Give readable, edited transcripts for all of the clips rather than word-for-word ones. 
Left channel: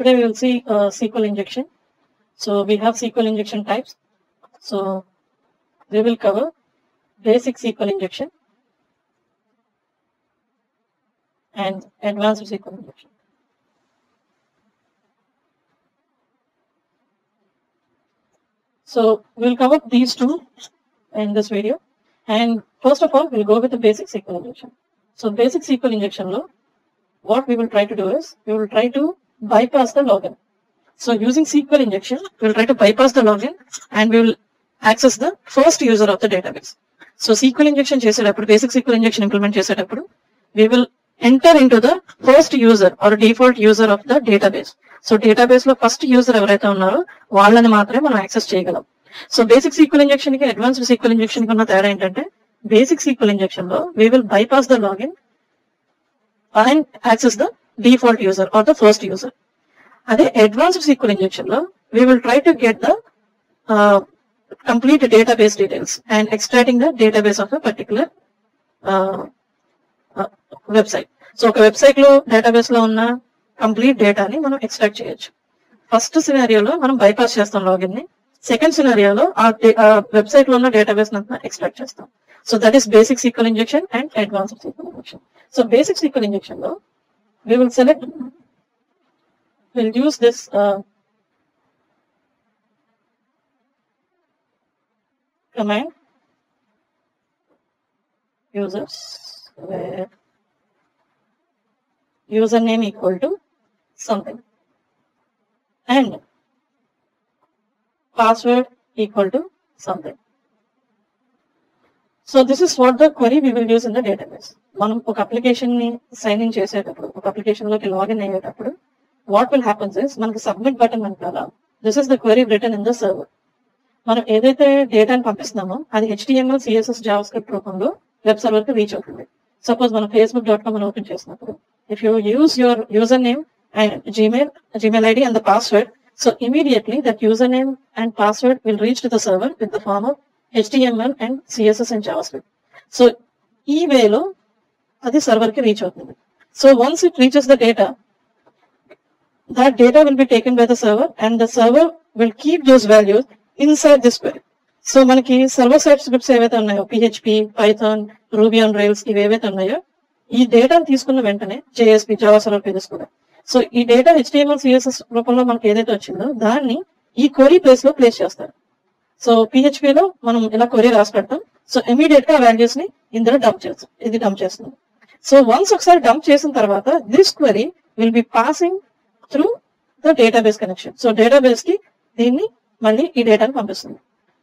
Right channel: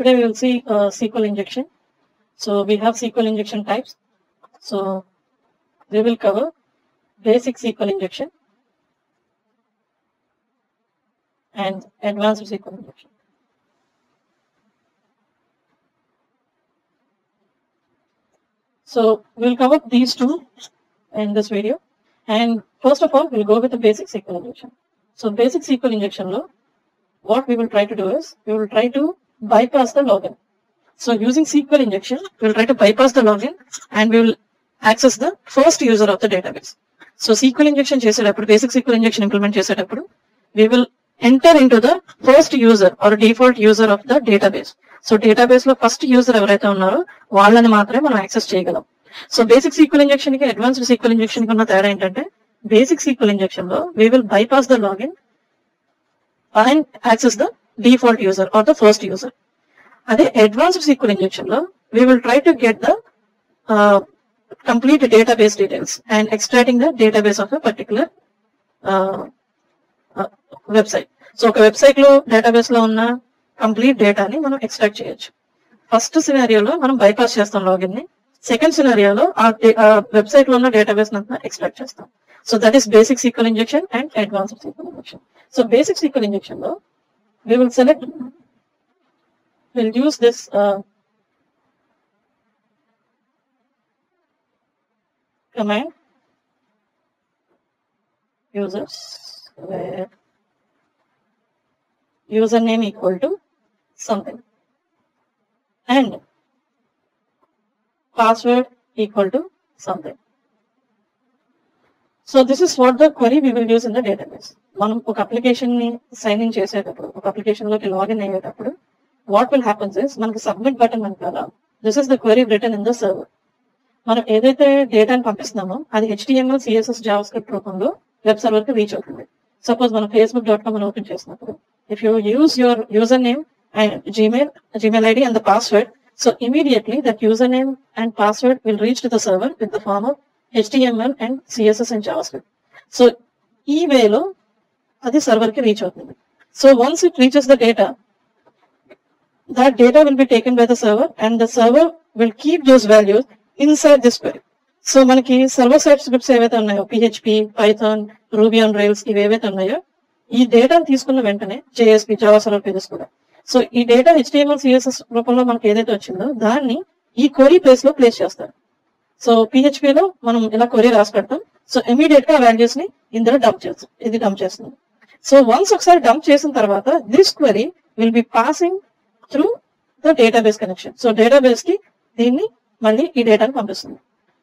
Today we will see SQL injection. So we have SQL injection types. So we will cover basic SQL injection and advanced SQL injection. So we'll cover these two in this video. And first of all, we'll go with the basic SQL injection. So basic SQL injection lo, what we will try to do is, we will try to bypass the login. So using SQL injection, we will try to bypass the login and we will access the first user of the database. So SQL injection చేసేటప్పుడు, basic SQL injection implement చేసేటప్పుడు, we will enter into the first user or default user of the database. So database లో first user ఎవరైతే ఉన్నారో వాళ్ళని మాత్రమే మనం యాక్సెస్ చేయగలం. So basic SQL injection కి అడ్వాన్స్డ్ సీక్వెల్ ఇంజెక్షన్ కి ఉన్న తేడా ఏంటంటే, బేసిక్ సీక్వెల్ ఇంజెక్షన్ లో we will bypass the login and access the default user or the first user. అదే అడ్వాన్స్డ్ సీక్వెల్ ఇంజెక్షన్ లో we will try to get the complete database details and extracting the database of a particular website. So ఒక వెబ్సైట్ లో డేటాబేస్ లో ఉన్న కంప్లీట్ డేటాని మనం ఎక్స్ట్రాక్ట్ చేయొచ్చు. ఫస్ట్ సినారియోలో మనం బైపాస్ చేస్తాం లాగిన్ ని. సెకండ్ సినారియోలో ఆ వెబ్సైట్ లో ఉన్న డేటాబేస్ అంతా ఎక్స్ట్రాక్ట్ చేస్తాం. So that is basic SQL injection and advanced sequel injection. So basic SQL injection లో we will select, we'll use this command users where username equal to something and password equal to something. So this is what the query we will use in the database. మనం ఒక అప్లికేషన్ ని sign in చేసేటప్పుడు, ఒక అప్లికేషన్ లోకి లాగిన్ అయ్యేటప్పుడు what will happens is, మనకి submit button వెనకాల this is the query return in the server. మనం ఏదైతే డేటాని పంపిస్తున్నామో అది HTML, CSS, JavaScript రూపంలో వెబ్ సర్వర్ కి రీచ్ అవుతుంది. సపోజ్ మనం facebook.com అని ఓపెన్ చేసినప్పుడు, if you use your user name and Gmail ID and the password, so immediately that username and password will reach to the server with the form of HTML and CSS and JavaScript. So ఈ వేలో అది సర్వర్ కి రీచ్ అవుతుంది. So once it reaches the data, that data will be taken by the server and the server will keep those values inside this query. So మనకి server side scripts ఏవైతే ఉన్నాయో, PHP, Python, Ruby on Rails, ఇవి ఏవైతే ఉన్నాయో, ఈ డేటాను తీసుకున్న వెంటనే JSP, Java Server Pages కూడా, సో ఈ డేటా HTML, CSS రూపంలో మనకి ఏదైతే వచ్చిందో దాన్ని ఈ క్వెరీ ప్లేస్ లో ప్లేస్ చేస్తారు. సో PHP లో మనం ఇలా క్వెరీ రాసి పెడతాం. సో ఇమీడియట్ గా వాల్యూస్ ని ఇందులో డంప్ చేస్తాం. ఇది డంప్ చేస్తాం. సో వన్స్ ఒకసారి డంప్ చేసిన తర్వాత this query will be passing through the database connection. So database కి దీన్ని మళ్ళీ ఈ డేటాని పంపిస్తుంది.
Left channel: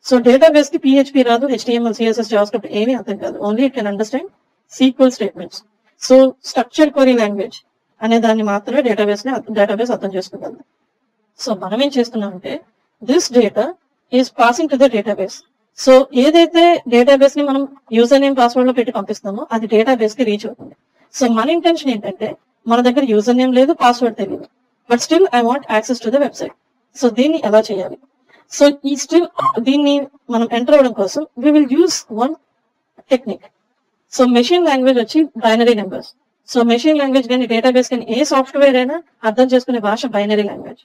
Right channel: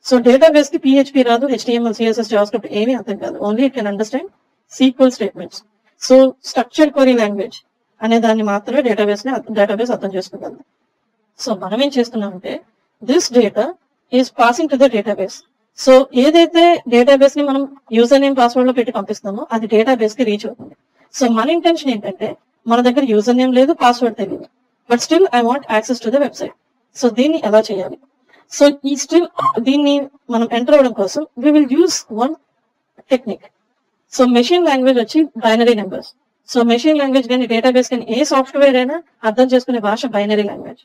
సో డేటాబేస్ కి PHP రాదు, HTML, CSS, JavaScript ఏమీ అర్థం కాదు. Only it can understand SQL statements. So structured query language అనే దాన్ని మాత్రమే డేటాబేస్ అర్థం చేసుకుంటాం. సో మనం ఏం చేస్తున్నామంటే, this data is passing to the database. So ఏదైతే డేటాబేస్ ని మనం యూజర్ నేమ్, పాస్వర్డ్ లో పెట్టి పంపిస్తామో అది డేటాబేస్ కి రీచ్ అవుతుంది. సో మన ఇంటెన్షన్ ఏంటంటే, మన దగ్గర యూజర్ నేమ్ లేదు, పాస్వర్డ్ తెలియదు, but still I want access to the website. So దీన్ని ఎలా చేయాలి? సో ఈ స్టిల్ దీన్ని మనం ఎంటర్ అవ్వడం కోసం we will use one technique. So machine language వచ్చి binary numbers. So machine language కానీ డేటాబేస్ కానీ ఏ సాఫ్ట్వేర్ అయినా అర్థం చేసుకునే భాష binary language.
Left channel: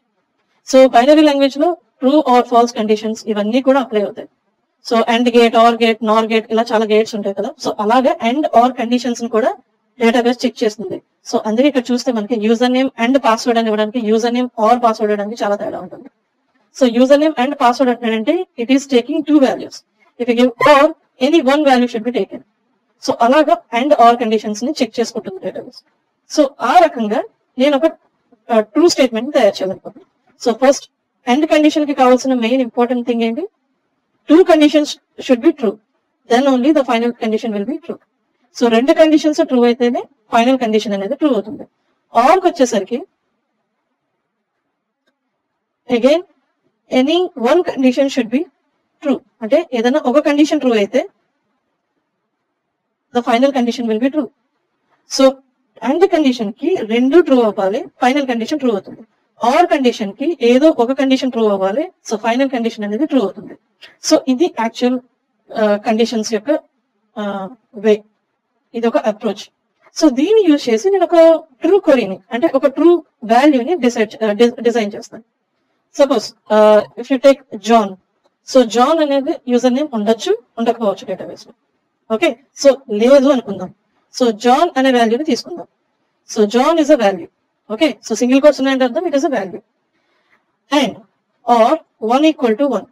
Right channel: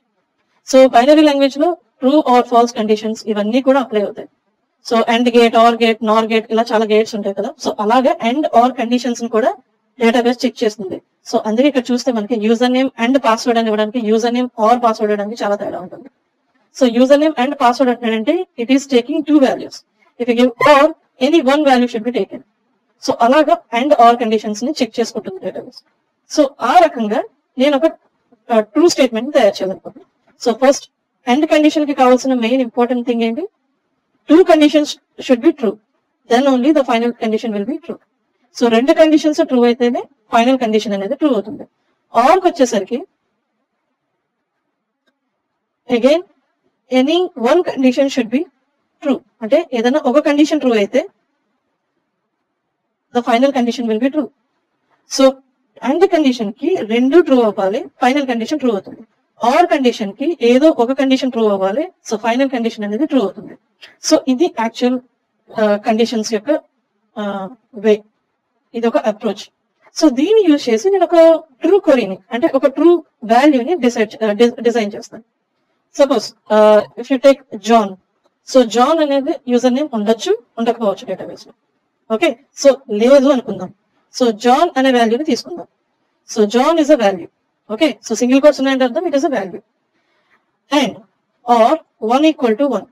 So binary language లో ట్రూ ఆర్ ఫాల్స్ కండిషన్స్ ఇవన్నీ కూడా అప్లై అవుతాయి. So and gate, or gate, nor gate, ఇలా చాలా గేట్స్ ఉంటాయి కదా. సో అలాగే అండ్ ఆర్ కండిషన్స్ ని కూడా డేటాబేస్ చెక్ చేస్తుంది. సో అందుకే ఇక్కడ చూస్తే మనకి యూజర్ నేమ్ అండ్ పాస్వర్డ్ అని ఇవ్వడానికి, యూజర్ నేమ్ ఆర్ పాస్వర్డ్ ఇవ్వడానికి చాలా తేడా ఉంటుంది. So user name and password అంటే it is taking 2 values. If you give or, any 1 value should be taken. So అలాగా అండ్ ఆర్ కండిషన్స్ ని చెక్ చేసుకుంటుంది డేటాబేస్. సో ఆ రకంగా నేను ఒక ట్రూ స్టేట్మెంట్ తయారు చేయాలనుకుంటున్నాను. సో ఫస్ట్ అండ్ కండిషన్ కి కావాల్సిన మెయిన్ ఇంపార్టెంట్ థింగ్ ఏంటి? 2 conditions should be true, then only the final condition will be true. So 2 conditions true అయితేనే ఫైనల్ కండిషన్ అనేది ట్రూ అవుతుంది. ఆర్ కి వచ్చేసరికి again any 1 condition should be true. అంటే ఏదైనా ఒక కండిషన్ ట్రూ అయితే the final condition will be true. So and condition కి 2 ట్రూ అవ్వాలి, ఫైనల్ కండిషన్ ట్రూ అవుతుంది. ఆర్ కండిషన్ కి ఏదో ఒక కండిషన్ ట్రూ అవ్వాలి, సో ఫైనల్ కండిషన్ అనేది ట్రూ అవుతుంది. సో ఇది యాక్చువల్ కండిషన్స్ యొక్క వే, ఇది ఒక అప్రోచ్. సో దీన్ని యూజ్ చేసి నేను ఒక ట్రూ క్వరీని అంటే ఒక ట్రూ వాల్యూని డిజైన్ చేస్తాను. Suppose if you take John, so John అనేది యూజర్ నేమ్ ఉండొచ్చు ఉండకపోవచ్చు డేటాబేస్ లో. ఓకే, సో లేదు అనుకుందాం. సో జాన్ అనే వాల్యూని తీసుకుందాం. So John is a value. Okay, so single quotes ఉన్నాయంటే అర్థం it is a value. And or 1 = 1.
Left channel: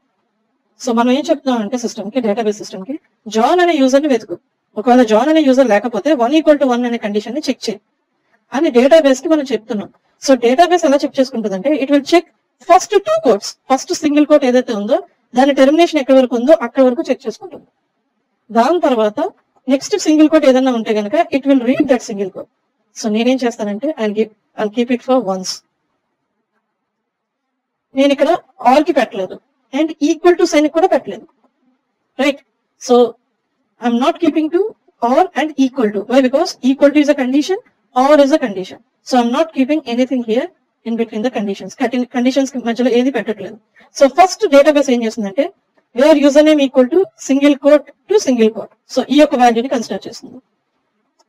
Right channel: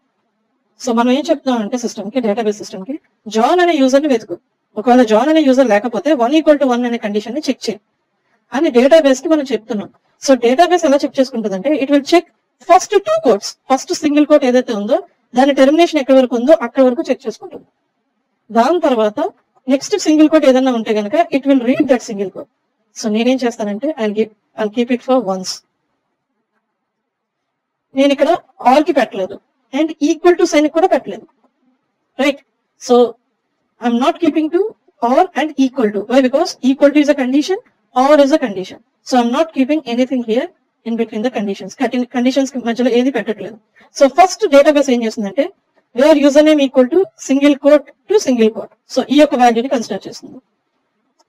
So మనం ఏం చెప్తాం అంటే సిస్టమ్ కి, డేటాబేస్ సిస్టమ్ కి, జాన్ అనే యూజర్ ని వెతుకు. ఒకవేళ జాన్ అనే యూజర్ లేకపోతే 1 = 1 అనే కండిషన్ ని చెక్ చేయి అని డేటాబేస్ కి మనం చెప్తున్నాం. సో డేటాబేస్ ఎలా చెక్ చేసుకుంటుంది అంటే it will check first 2 quotes. First single quote ఏదైతే ఉందో దాని టెర్మినేషన్ ఎక్కడి వరకు ఉందో అక్కడ వరకు చెక్ చేసుకుంటుంది. దాని తర్వాత నెక్స్ట్ సింగిల్ కోట్ ఏదైనా ఉంటే కనుక it will read that single quote. So నేనేం చేస్తానంటే I keep it for once. నేను ఇక్కడ ఆర్ కి పెట్టలేదు అండ్ ఈక్వల్ టు సైన్ కూడా పెట్టలేదు, right? So I'm not keeping to or and equal to. Why? Because equal to is a condition, or is a condition. So I'm not keeping anything here in between the conditions. Conditions మధ్యలో ఏది పెట్టట్లేదు. So first database ఏం చేస్తుందంటే where user name equal to single quote to single quote, so ఈ యొక్క వాల్యూని consider చేస్తుంది.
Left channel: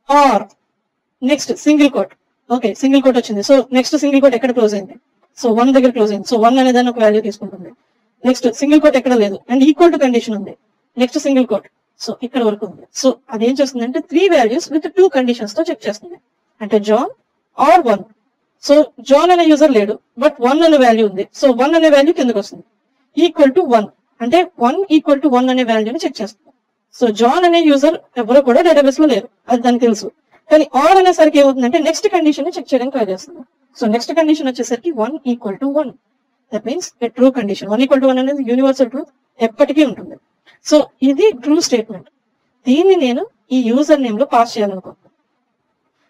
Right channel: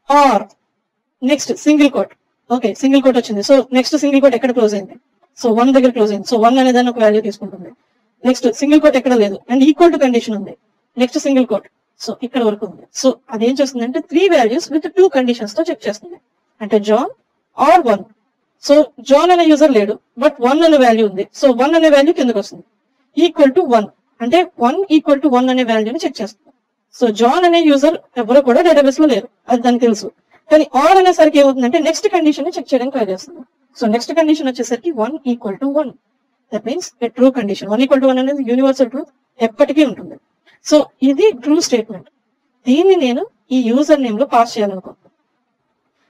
Or next single quote. Okay, single quote వచ్చింది. సో నెక్స్ట్ సింగిల్ కోట్ ఎక్కడ క్లోజ్ అయింది? సో 1 దగ్గర క్లోజ్ అయింది. సో 1 అనే దాన్ని ఒక వాల్యూ తీసుకుంటుంది. నెక్స్ట్ సింగిల్ కోట్ ఎక్కడ లేదు అండ్ ఈక్వల్ టు కండిషన్ ఉంది. నెక్స్ట్ సింగిల్ కోట్, సో ఇక్కడ వరకు ఉంది. సో అదేం చేస్తుంది అంటే 3 వాల్యూస్ విత్ 2 కండిషన్స్ తో చెక్ చేస్తుంది. అంటే జాన్ ఆర్ 1. సో జాన్ అనే యూజర్ లేడు బట్ 1 అనే వాల్యూ ఉంది. సో 1 అనే వాల్యూ కిందకు వస్తుంది. ఈక్వల్ టు 1 అంటే 1 = 1 అనే వాల్యూని చెక్ చేస్తుంది. సో జాన్ అనే యూజర్ ఎవరు కూడా డేటాబేస్ లో లేరు, అది దానికి తెలుసు. కానీ ఆర్ అనేసరికి ఏమవుతుందంటే నెక్స్ట్ కండిషన్ ని చెక్ చేయడానికి ట్రై చేస్తుంది. సో నెక్స్ట్ కండిషన్ వచ్చేసరికి 1 = 1. That means A true condition. 1 = 1 అనేది యూనివర్సల్ ట్రూత్, ఎప్పటికీ ఉంటుంది. సో ఇది ట్రూ స్టేట్మెంట్. దీన్ని నేను ఈ యూజర్ నేమ్ లో పాస్ చేయాలనుకుంటున్నాను.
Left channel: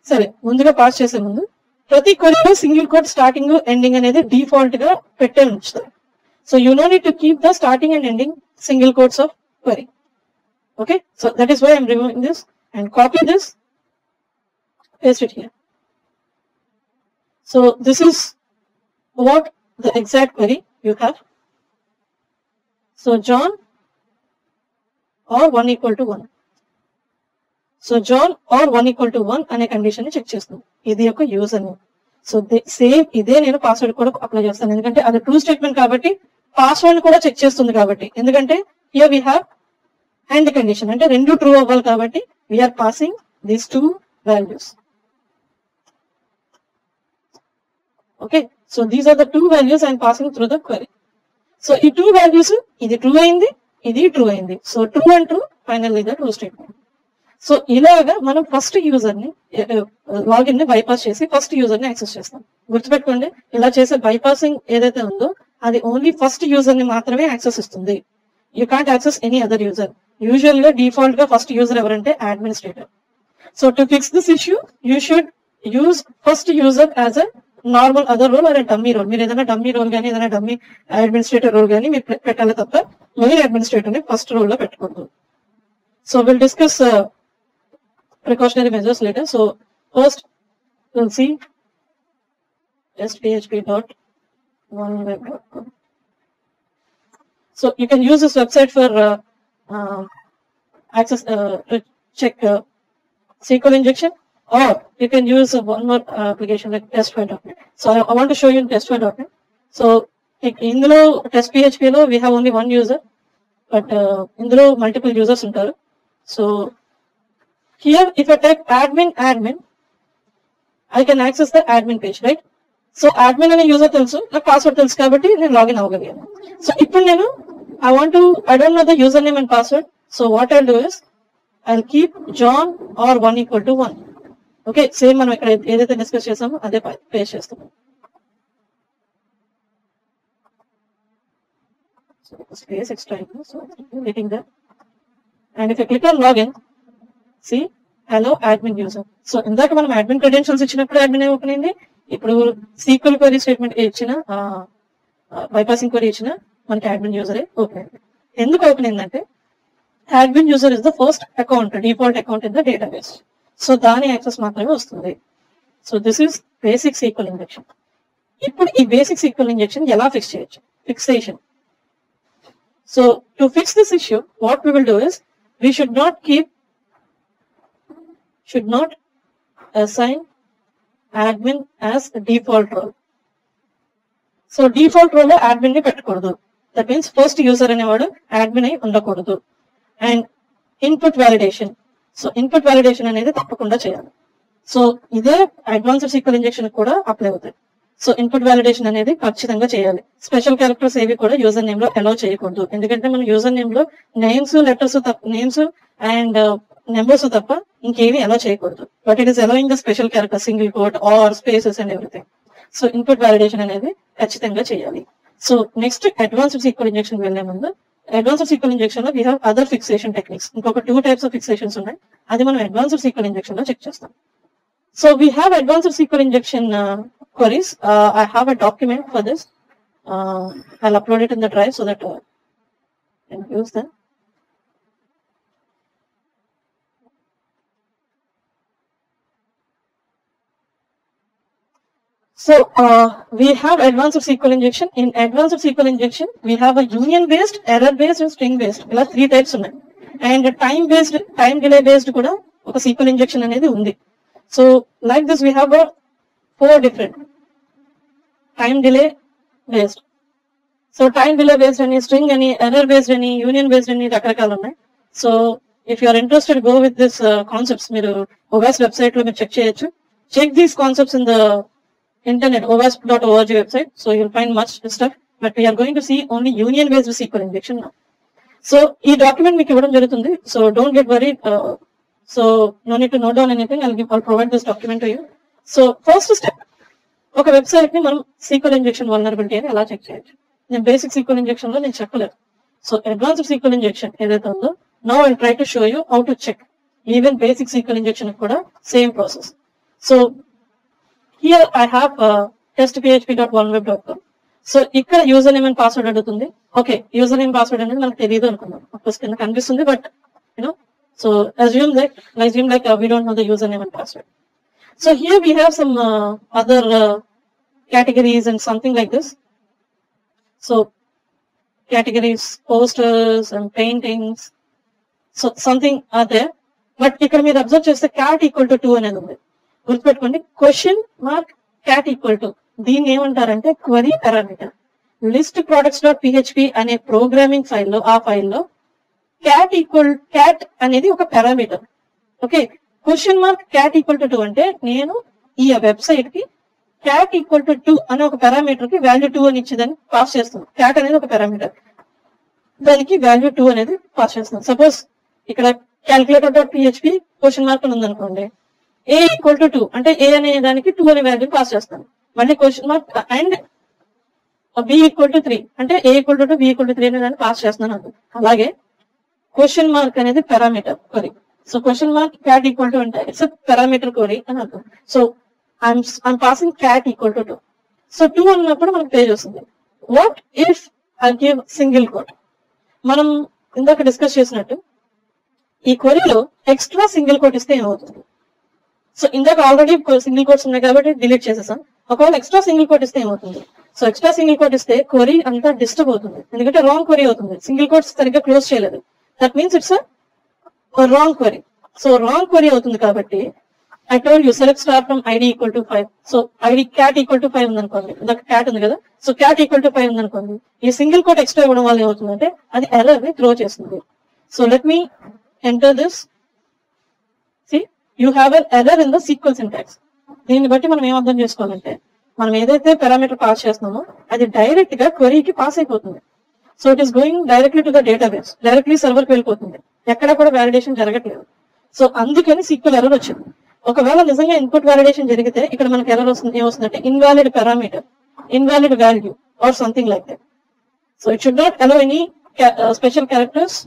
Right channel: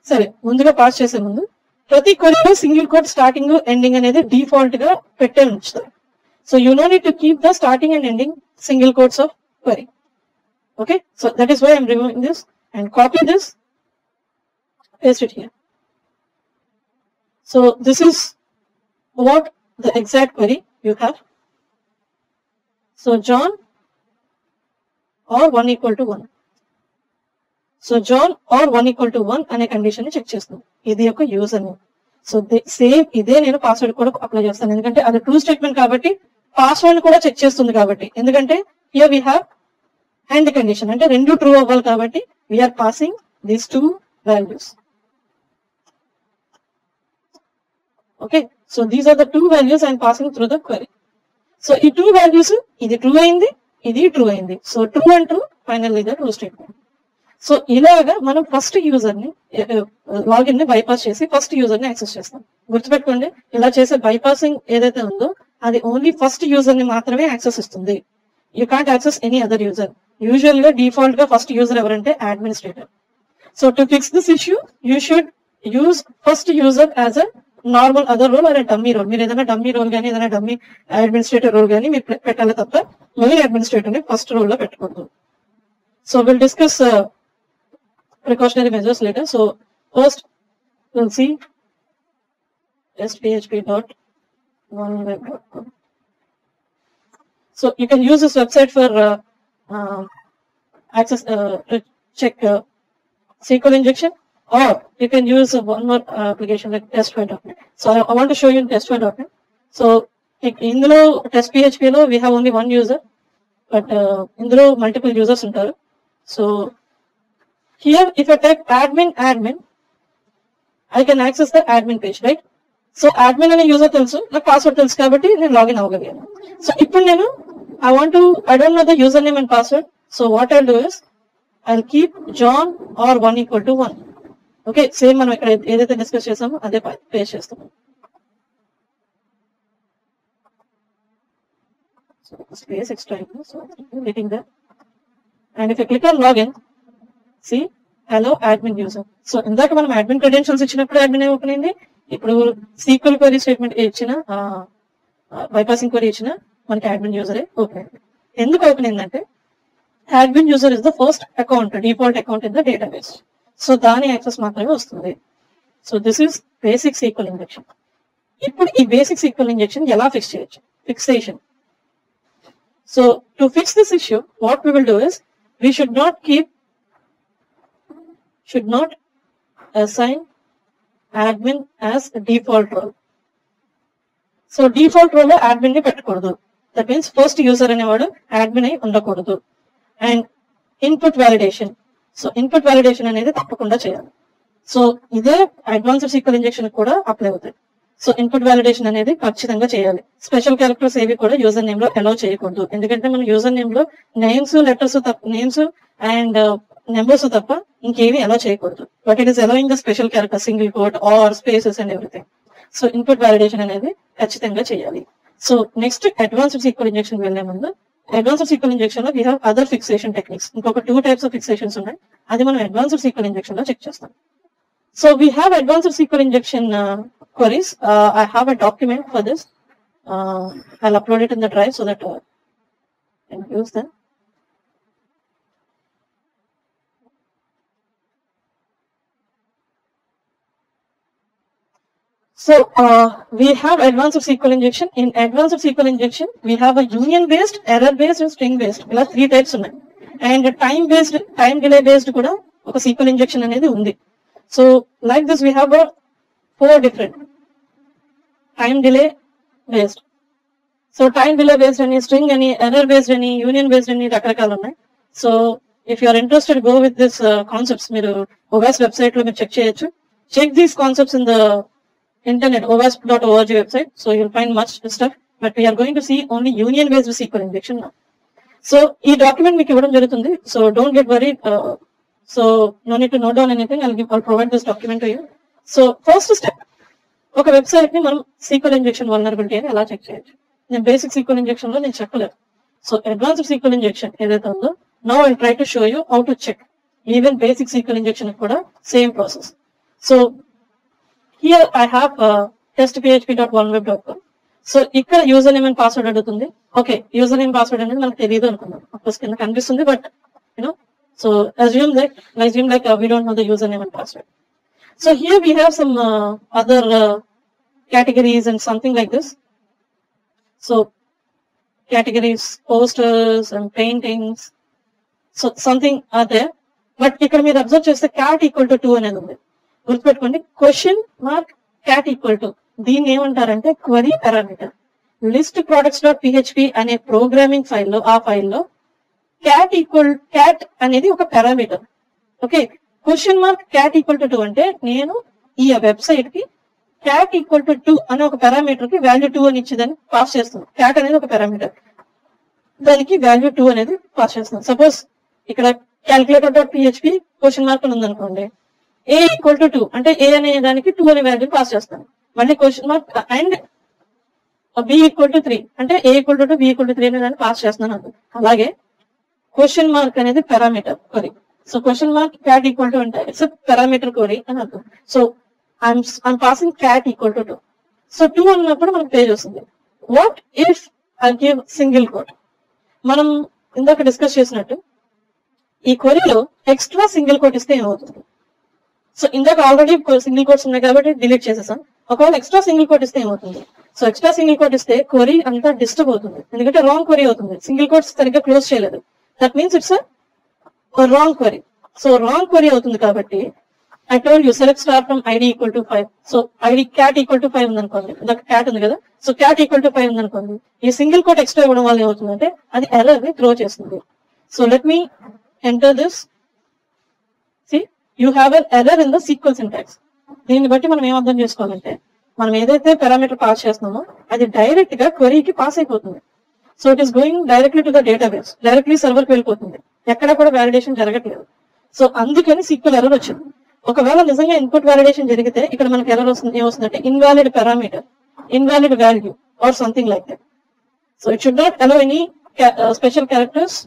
సరే, ముందుగా పాస్ చేసే ముందు ప్రతి క్వరీలో సింగిల్ కోట్ స్టార్టింగ్ ఎండింగ్ అనేది డిఫాల్ట్ గా పెట్టే ఉంచుతారు. So you no need to keep the starting and ending single quotes of query. Okay, so that is why I'm removing this and copy this, paste it here. So this is what the exact query you have. So John or 1 = 1. So John or 1 = 1 అనే కండిషన్ ని చెక్ చేస్తుంది. ఇది ఒక user name. So same ఇదే నేను పాస్వర్డ్ కూడా అప్లై చేస్తాను, ఎందుకంటే అది ట్రూ స్టేట్మెంట్ కాబట్టి పాస్వర్డ్ కూడా చెక్ చేస్తుంది. కాబట్టి ఎందుకంటే here we have and the condition అంటే రెండు ట్రూ అవ్వాలి కాబట్టి we are passing these 2 values. Okay, so these are the 2 values I am passing through the query. So ఈ 2 values ఇది ట్రూ అయింది, ఇది ట్రూ అయింది. So true and true finally the true statement. So ఇలాగా మనం ఫస్ట్ యూజర్ ని లాగిన్ ని బైపాస్ చేసి ఫస్ట్ యూజర్ ని యాక్సెస్ చేస్తాం. గుర్తుపెట్టుకోండి, ఇలా చేసే బైపాసింగ్ ఏదైతే ఉందో అది ఓన్లీ ఫస్ట్ యూజర్ ని మాత్రమే యాక్సెస్ ఇస్తుంది. You can't access any other user. Usual గా డిఫాల్ట్ గా ఫస్ట్ యూజర్ ఎవరంటే administrator. So to fix this issue you should use first user as a normal other role and dummy role. మీరు ఏదైనా dummy role కానీ ఏదైనా dummy administrator role కానీ మీరు పెట్టాలి తప్ప మళ్ళీ అడ్మినిస్ట్రేటర్ ని ఫస్ట్ రోల్ లో పెట్టకూడదు. So will discuss precautionary measures later. So first will see test php.1web.com. So you can use this website for access to check SQL injection, or you can use one more application like testfy.net. So I want to show you in testfy.net. So in the test PHP lo we have only one user, but in the multiple users ఉంటారు. So here if I type admin, I can access the admin page, right? So admin అనే యూజర్ తెలుసు, నాకు పాస్వర్డ్ తెలుసు కాబట్టి నేను లాగిన్ అవ్వగలిగాను. సో ఇప్పుడు నేను I don't know the username and password. So what I'll do is I'll keep John or 1 = 1. Okay, same మనం ఇక్కడ ఏదైతే డిస్కస్ చేసామో అదే పేస్ట్ చేస్తాం. So space extra, so I'm getting that. And if you click on login, see hello admin user. So ఇందాక మనం admin credentials ఇచ్చినప్పుడు admin open అయింది. ఇప్పుడు SQL query స్టేట్మెంట్ ఇచ్చిన బైపాసింగ్ క్వరీ ఇచ్చిన మనకి అడ్మిన్ యూజర్ ఓపెన్ అయింది. ఎందుకు ఓపెన్ అయిందంటే admin user is the first account, default account in the database. So దాని యాక్సెస్ మాత్రమే వస్తుంది. So this is basic SQL injection. ఇప్పుడు ఈ బేసిక్ SQL ఇంజెక్షన్ ఎలా ఫిక్స్ చేయొచ్చు? Fixation. So to fix this issue what we will do is we should not assign admin as default role. So default role లో అడ్మిన్ ని పెట్టకూడదు. That means first user అనేవాడు అడ్మిన్ అయి ఉండకూడదు. And input validation. So input validation అనేది తప్పకుండా చేయాలి. సో ఇదే అడ్వాన్స్డ్ సీక్వెల్ ఇంజెక్షన్ కూడా అప్లై అవుతాయి. సో ఇన్పుట్ వ్యాలిడేషన్ అనేది ఖచ్చితంగా చేయాలి. స్పెషల్ క్యారెక్టర్స్ ఏవి కూడా యూజర్ నేమ్ లో అలౌ చేయకూడదు. ఎందుకంటే మన యూజర్ నేమ్ లో names letters names and numbers తప్ప ఇంకేవి అలౌ చేయకూడదు. But it is allowing the special character, single quote or spaces and everything. So input validation అనేది ఖచ్చితంగా చేయాలి. So next advanced sequel injection వెళ్ళే ముందు, అడ్వాన్స్డ్ సీక్వెల్ ఇంజెక్షన్ లో we have other fixation techniques. ఇంకొక 2 types ఆఫ్ ఫిక్సేషన్స్ ఉన్నాయి. అది మనం అడ్వాన్స్డ్ సీక్వెల్ ఇంజెక్షన్ లో చెక్ చేస్తాం. So we have advanced sequel injection queries. I have a document for this. I'll upload it in the drive so that you can use that. So we have advanced SQL injection. In advanced SQL injection, we have a union based, error based, and string based. ఇలా 3 types ఉన్నాయి. And time based, time delay based కూడా ఒక SQL injection అనేది ఉంది. So like this we have a 4 different time delay based. So time delay based అని, string అని, error based అని, union based అని రకరకాలు ఉన్నాయి. So if you are interested, go with this concepts. మీరు OWASP website లో మీరు చెక్ చేయొచ్చు. Check these concepts in the internet, owasp.org website. So you'll find much stuff. But we are going to see only union based SQL injection now. So ఈ డాక్యుమెంట్ మీకు ఇవ్వడం జరుగుతుంది. So don't get worried. So no need to note down anything. I'll provide this document to you. So first step, ఒక వెబ్సైట్ ని మనం sequel injection vulnerability అని ఎలా చెక్ చేయొచ్చు. నేను బేసిక్ సీక్వెల్ ఇంజెక్షన్ లో నేను చెప్పలేదు. సో అడ్వాన్స్డ్ సీక్వెల్ ఇంజెక్షన్ ఏదైతే ఉందో, now I try to show you how to check. Even basic SQL injection కూడా same process. So here I have testphp.oneweb.com. So ఇక్కడ యూజర్ నేమ్ అండ్ పాస్వర్డ్ అడుగుతుంది. Okay, user name password అనేది మనకు తెలియదు అనుకున్నాం. Of course కింద కనిపిస్తుంది, but you know, so assume like we don't know the username and password. So here we have some other categories and something like this. So categories, posters and paintings. So something are there. But ఇక్కడ మీరు అబ్జర్వ్ చేస్తే cat equal to 2 అనేది ఉంది. గుర్తుపెట్టుకోండి, $cat equal to. దీన్ని ఏమంటారంటే query parameter. List products.php అనే ప్రోగ్రామింగ్ ఫైల్లో, ఆ ఫైల్లో cat అనేది ఒక parameter. Okay, $cat equal to 2 అంటే నేను ఈ వెబ్సైట్ కి cat equal to 2 అనే ఒక పారామీటర్ కి వాల్యూ 2 అని ఇచ్చేదాన్ని పాస్ చేస్తున్నాం. cat అనేది ఒక పారామీటర్, దానికి వాల్యూ 2 అనేది పాస్ చేస్తున్నాం. సపోజ్ ఇక్కడ calculator.php $అని ఉంది అనుకోండి. a equal to 2 అంటే a అనే దానికి 2 అనే వాల్యూ పాస్ చేస్తాను. మళ్ళీ అండ్ b equal to 3 అంటే a equal to 2, b equal to 3 అనే దాన్ని పాస్ చేస్తున్నాను అనుకో. అలాగే అనేది parameter query. So cat equal to అంటే ఇట్స్ పారామీటర్ క్వరీ అని అర్థం. So I'm passing cat equal to 2. So 2 అన్నప్పుడు మనకు పేజ్ వస్తుంది. What if I give single quote? మనం ఇందాక డిస్కస్ చేసినట్టు ఈ క్వరీలో ఎక్స్ట్రా సింగిల్ కోట్ ఇస్తే ఏమవుతుంది? సో ఇందాక ఆల్రెడీ సింగిల్ కోట్స్ ఉన్నాయి కాబట్టి డిలీట్ చేసేసాం. ఒకవేళ ఎక్స్ట్రా సింగిల్ కోట్ ఇస్తే ఏమవుతుంది? సో ఎక్స్ట్రా సింగిల్ కోట్ ఇస్తే క్వరీ అంతా డిస్టర్బ్ అవుతుంది, ఎందుకంటే రాంగ్ క్వరీ అవుతుంది. సింగిల్ కోట్స్ సరిగ్గా క్లోజ్ చేయలేదు. That means it's wrong query. So wrong query అవుతుంది కాబట్టి I told you select star from id equal to 5. So id cat equal to 5 ఉందనుకోండి, ఇందాక cat ఉంది కదా. సో cat equal to 5 ఉందనుకోండి, ఈ సింగిల్ కోట్ ఎక్స్ట్రా ఇవ్వడం వల్ల ఏమవుతుందంటే అది ఎర్రర్ ని త్రో చేస్తుంది. So let me enter this. See, you have an error in the SQL syntax. దీన్ని బట్టి మనం ఏం అర్థం చేసుకోవాలంటే, మనం ఏదైతే పారామీటర్ పాస్ చేస్తున్నామో అది డైరెక్ట్ గా క్వరీకి పాస్ అయిపోతుంది. So it is going directly to the database, directly server కి వెళ్ళిపోతుంది, ఎక్కడ కూడా వ్యాలిడేషన్ జరగట్లేదు. సో అందుకని SQL ఎర్రర్ వచ్చింది. ఒకవేళ నిజంగా ఇన్పుట్ వ్యాలిడేషన్ జరిగితే ఇక్కడ మనకి ఎర్రర్ వస్తుంది. ఏమొస్తుందంటే invalid parameter, invalid value or something like that. So it should not allow any special characters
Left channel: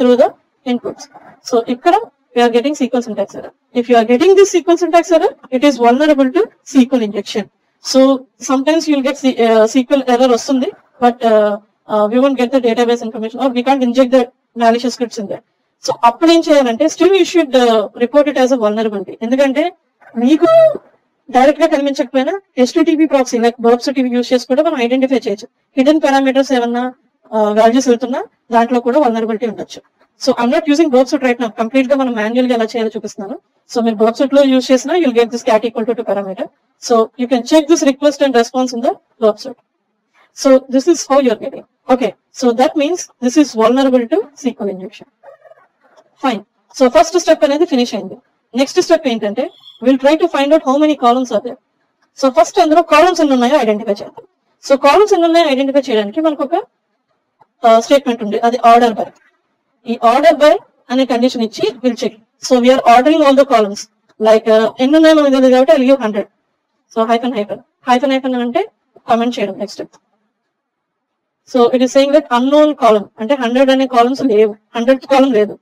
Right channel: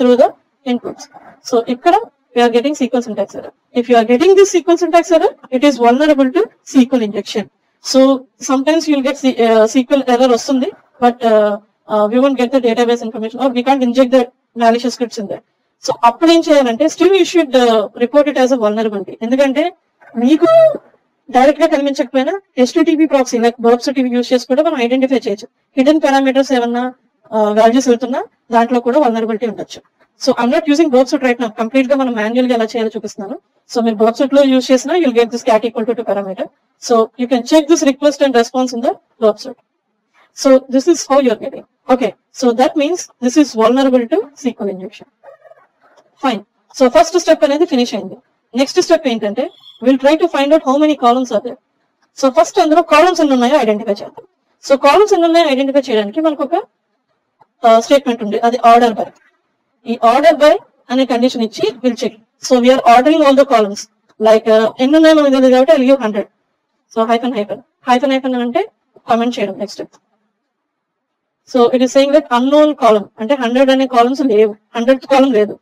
through the inputs. So ఇక్కడ we are getting SQL syntax error. If you are getting this SQL syntax error, it is vulnerable to SQL injection. So sometimes you will get SQL error వస్తుంది, but we won't get the database information or we can't inject the malicious scripts in there. So అప్పుడు ఏం చేయాలంటే still you should report it as a vulnerability. ఎందుకంటే మీకు డైరెక్ట్ గా కనిపించకపోయినా HTTP proxy like barbs TV use చేసి కూడా మనం ఐడెంటిఫై చేయొచ్చు. హిడెన్ పారామీటర్స్ ఏమన్నా వాల్యూస్ వెళ్తున్నా దాంట్లో కూడా వల్నరబిలిటీ ఉండొచ్చు. సో ఐమ్ నాట్ యూజింగ్ బాబ్ సూట్ రైట్ నౌ, కంప్లీట్ గా మనం మాన్యువల్ గా ఎలా చేయాలో చూపిస్తున్నాను. సో మీరు బాబ్ సూట్ లో యూజ్ చేసినా you'll get this cat equal to parameter. So you can check this request and response in the బాబ్ Suite. So this is how you're getting. Okay, so that means this is vulnerable to SQL injection. Fine. So first step అనేది finish అయింది. Next step ఏంటంటే will try to find out how many columns are there. So first అందులో columns ఎన్ని ఉన్నాయో ఐడెంటిఫై చేద్దాం. So columns ఎన్ని ఉన్నాయో ఐడెంటిఫై చేయడానికి మనకు ఒక స్టేట్మెంట్ ఉంది, అది ఆర్డర్ బై. ఈ ఆర్డర్ బై అనే కండిషన్ ఇచ్చి will check. So we're ordering all the columns. Like ఎన్ని ఉన్నాయో మనకు తెలియదు కాబట్టి I give 100. So hyphen hyphen hyphen hyphen అంటే కామెంట్ చేయడం. Next so it is saying that unknown column అంటే 100 అనే కాలమ్స్ లేవు, 100th కాలమ్ లేదు.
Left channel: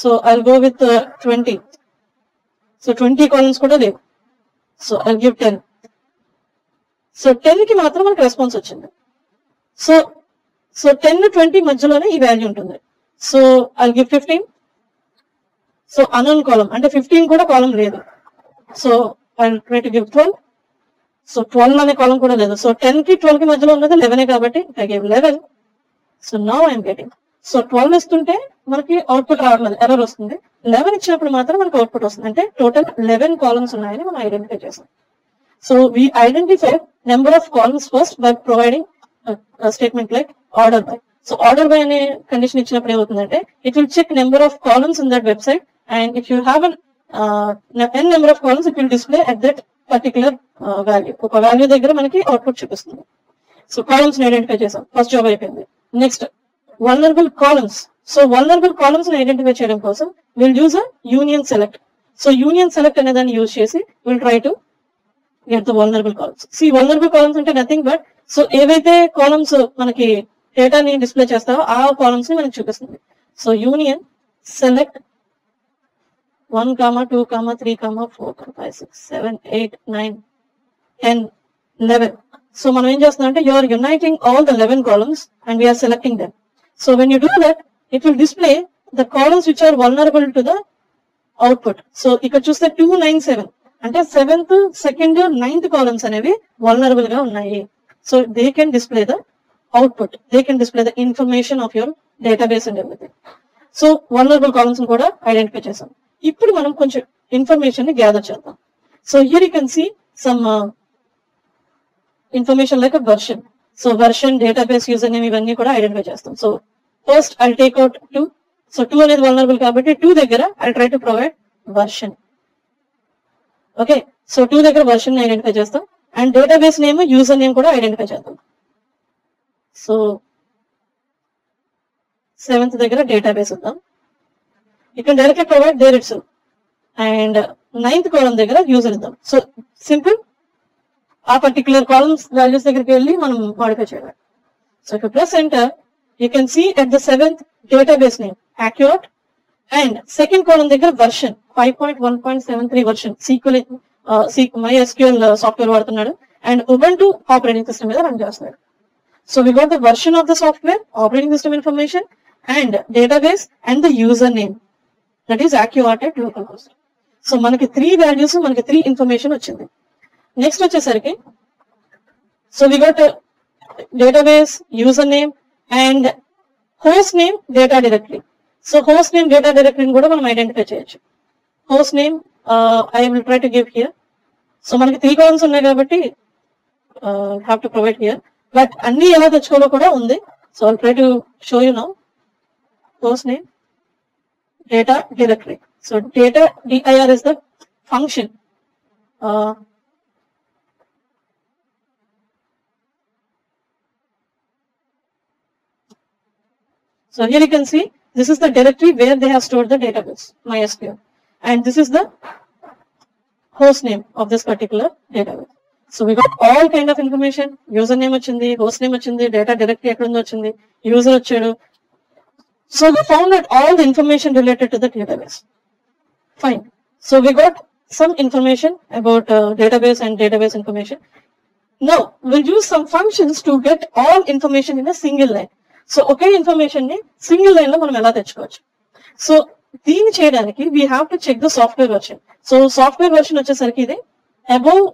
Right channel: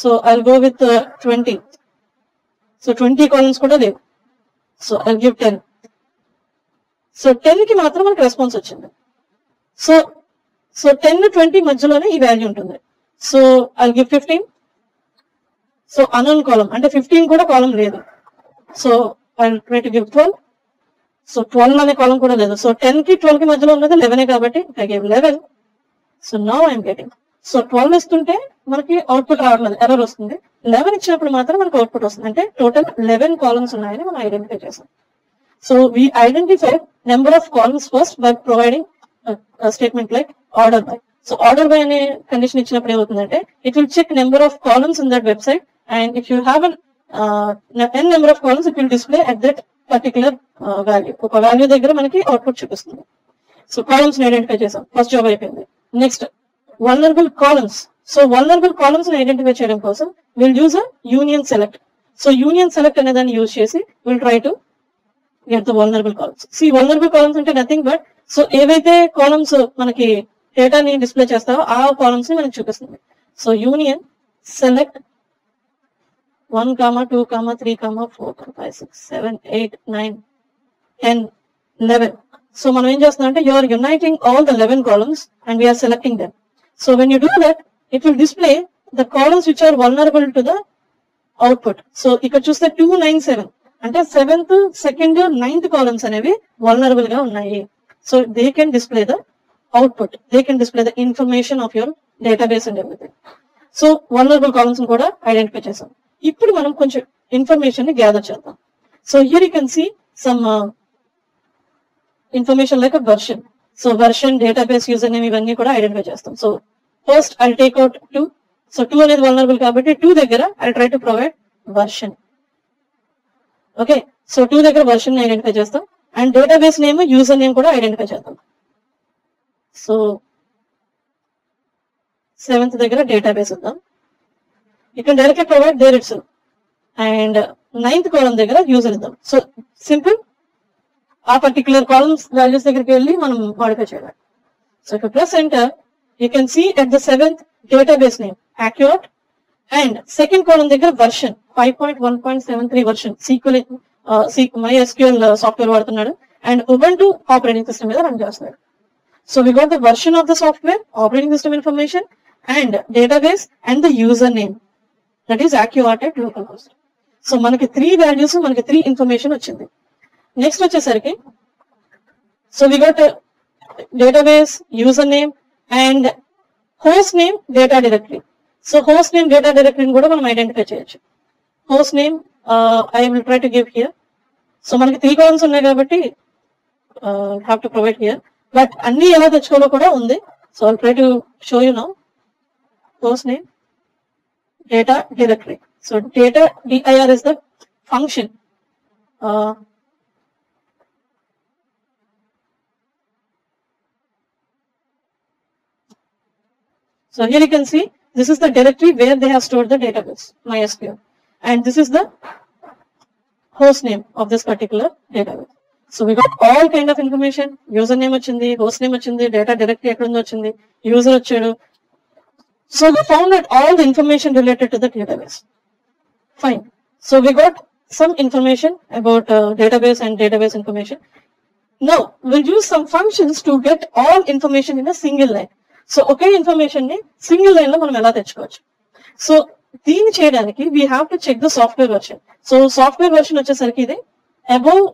So I'll go with 20. So 20 columns కూడా లేవు. So I'll give 10. సో 10 కి మాత్రం మనకు రెస్పాన్స్ వచ్చింది. సో 10 20 మధ్యలోనే ఈ వాల్యూ ఉంటుంది. So I'll give 15. So unknown column అంటే 15 కూడా కాలమ్ లేదు. So I'll try to give 12. సో 12 అనే కాలం కూడా లేదు. సో 10 కి 12 కి మధ్యలో ఉన్నది 11 కాబట్టి I give 11. So now I'm getting. So 12 ఇస్తుంటే మనకి అవుట్పుట్ రావట్లేదు, ఎర్రర్ వస్తుంది. 11 ఇచ్చినప్పుడు మాత్రం మనకి అవుట్పుట్ వస్తుంది. అంటే టోటల్ 11 కాలమ్స్ ఉన్నాయని మనం ఐడెంటిఫై చేసాం. So we identify number of columns first by providing statement like order by. So order by అనే కండిషన్ ఇచ్చినప్పుడు ఏమవుతుందంటే it will check number of columns in that website and if you have n number of columns it will display at that particular value. ఒక value దగ్గర మనకి output చూపిస్తుంది. So columns identify చేసాం, first job అయిపోయింది. Next vulnerable columns. So vulnerable columns identify చేయడం కోసం will use union select. So union select అనే దాన్ని యూజ్ చేసి will try to get the vulnerable columns. See vulnerable columns అంటే nothing but so ఏవైతే columns మనకి డేటాని డిస్ప్లే చేస్తారో ఆ కాలమ్స్ ని మనకి చూపిస్తుంది. So union select 1, 2, 3, 4, 5, 6, 7, 8, 9, 10, 11. So మనం ఏం చేస్తున్నాం అంటే you are uniting all the 11 columns and we are selecting them. So when you do that, it will display the columns which are vulnerable to the output. So ఇక్కడ చూస్తే 297 అంటే 7th, 2nd, 9th columns అనేవి vulnerable గా ఉన్నాయి. So they can display the output. They can display the information of your database and everything. So vulnerable columns కూడా identify చేసాం. ఇప్పుడు మనం కొంచెం ఇన్ఫర్మేషన్ ని గ్యాదర్ చేద్దాం. So here you can see some information like version. So version, database, user name ఇవన్నీ కూడా identify చేస్తాం. So first I take out 2. So 2 అనేది వల్నరబుల్ కాబట్టి 2 దగ్గర I try to provide version. Okay, so 2 దగ్గర version identify చేస్తాం and database name, user name కూడా identify చేద్దాం. సో 7th దగ్గర డేటాబేస్ ఇద్దాం. You can directly provide there itself. And 9th column దగ్గర యూజర్ ఇద్దాం. సో సింపుల్ ఆ పర్టికులర్ కాలమ్స్ వాల్యూస్ దగ్గరికి వెళ్ళి మనం మోడిఫై చేయాలి. So if you press enter, you can see at the 7th database name accurate and second column దగ్గర version 5.1.73 version SQL MySQL software వాడుతున్నాడు and Ubuntu operating system మీద రన్ చేస్తున్నాడు. So we got the version of the software, operating system information and database and the user name. That is accurate at localhost. So మనకి 3 values, మనకి 3 information వచ్చింది. Next వచ్చేసరికి so we got database, user name and host name, data directory. So host name, data డైరెక్టరీని కూడా మనం identify చేయొచ్చు. Host name I will try to give here. So మనకి 3 columns ఉన్నాయి కాబట్టి have to provide here. But అన్ని ఎలా తెచ్చుకోవాలో కూడా ఉంది. So I try to show you now. Host name, data directory. So data dir is the function. So here you can see this is the directory where they have stored the database MySQL, and this is the host name of this particular database. So we got all kind of information. User name వచ్చింది, host name వచ్చింది, data directory ఎక్కడ ఉందో వచ్చింది, user వచ్చాడు. So we found out all the information related to the database. Fine. So we got some information about database and database information. Now we'll use some functions to get all information in a single line. So ఒకే ఇన్ఫర్మేషన్ ని single line లో మనం ఎలా తెచ్చుకోవచ్చు. సో దీన్ని చేయడానికి we have to check the software version. So software version వచ్చేసరికి ఇది above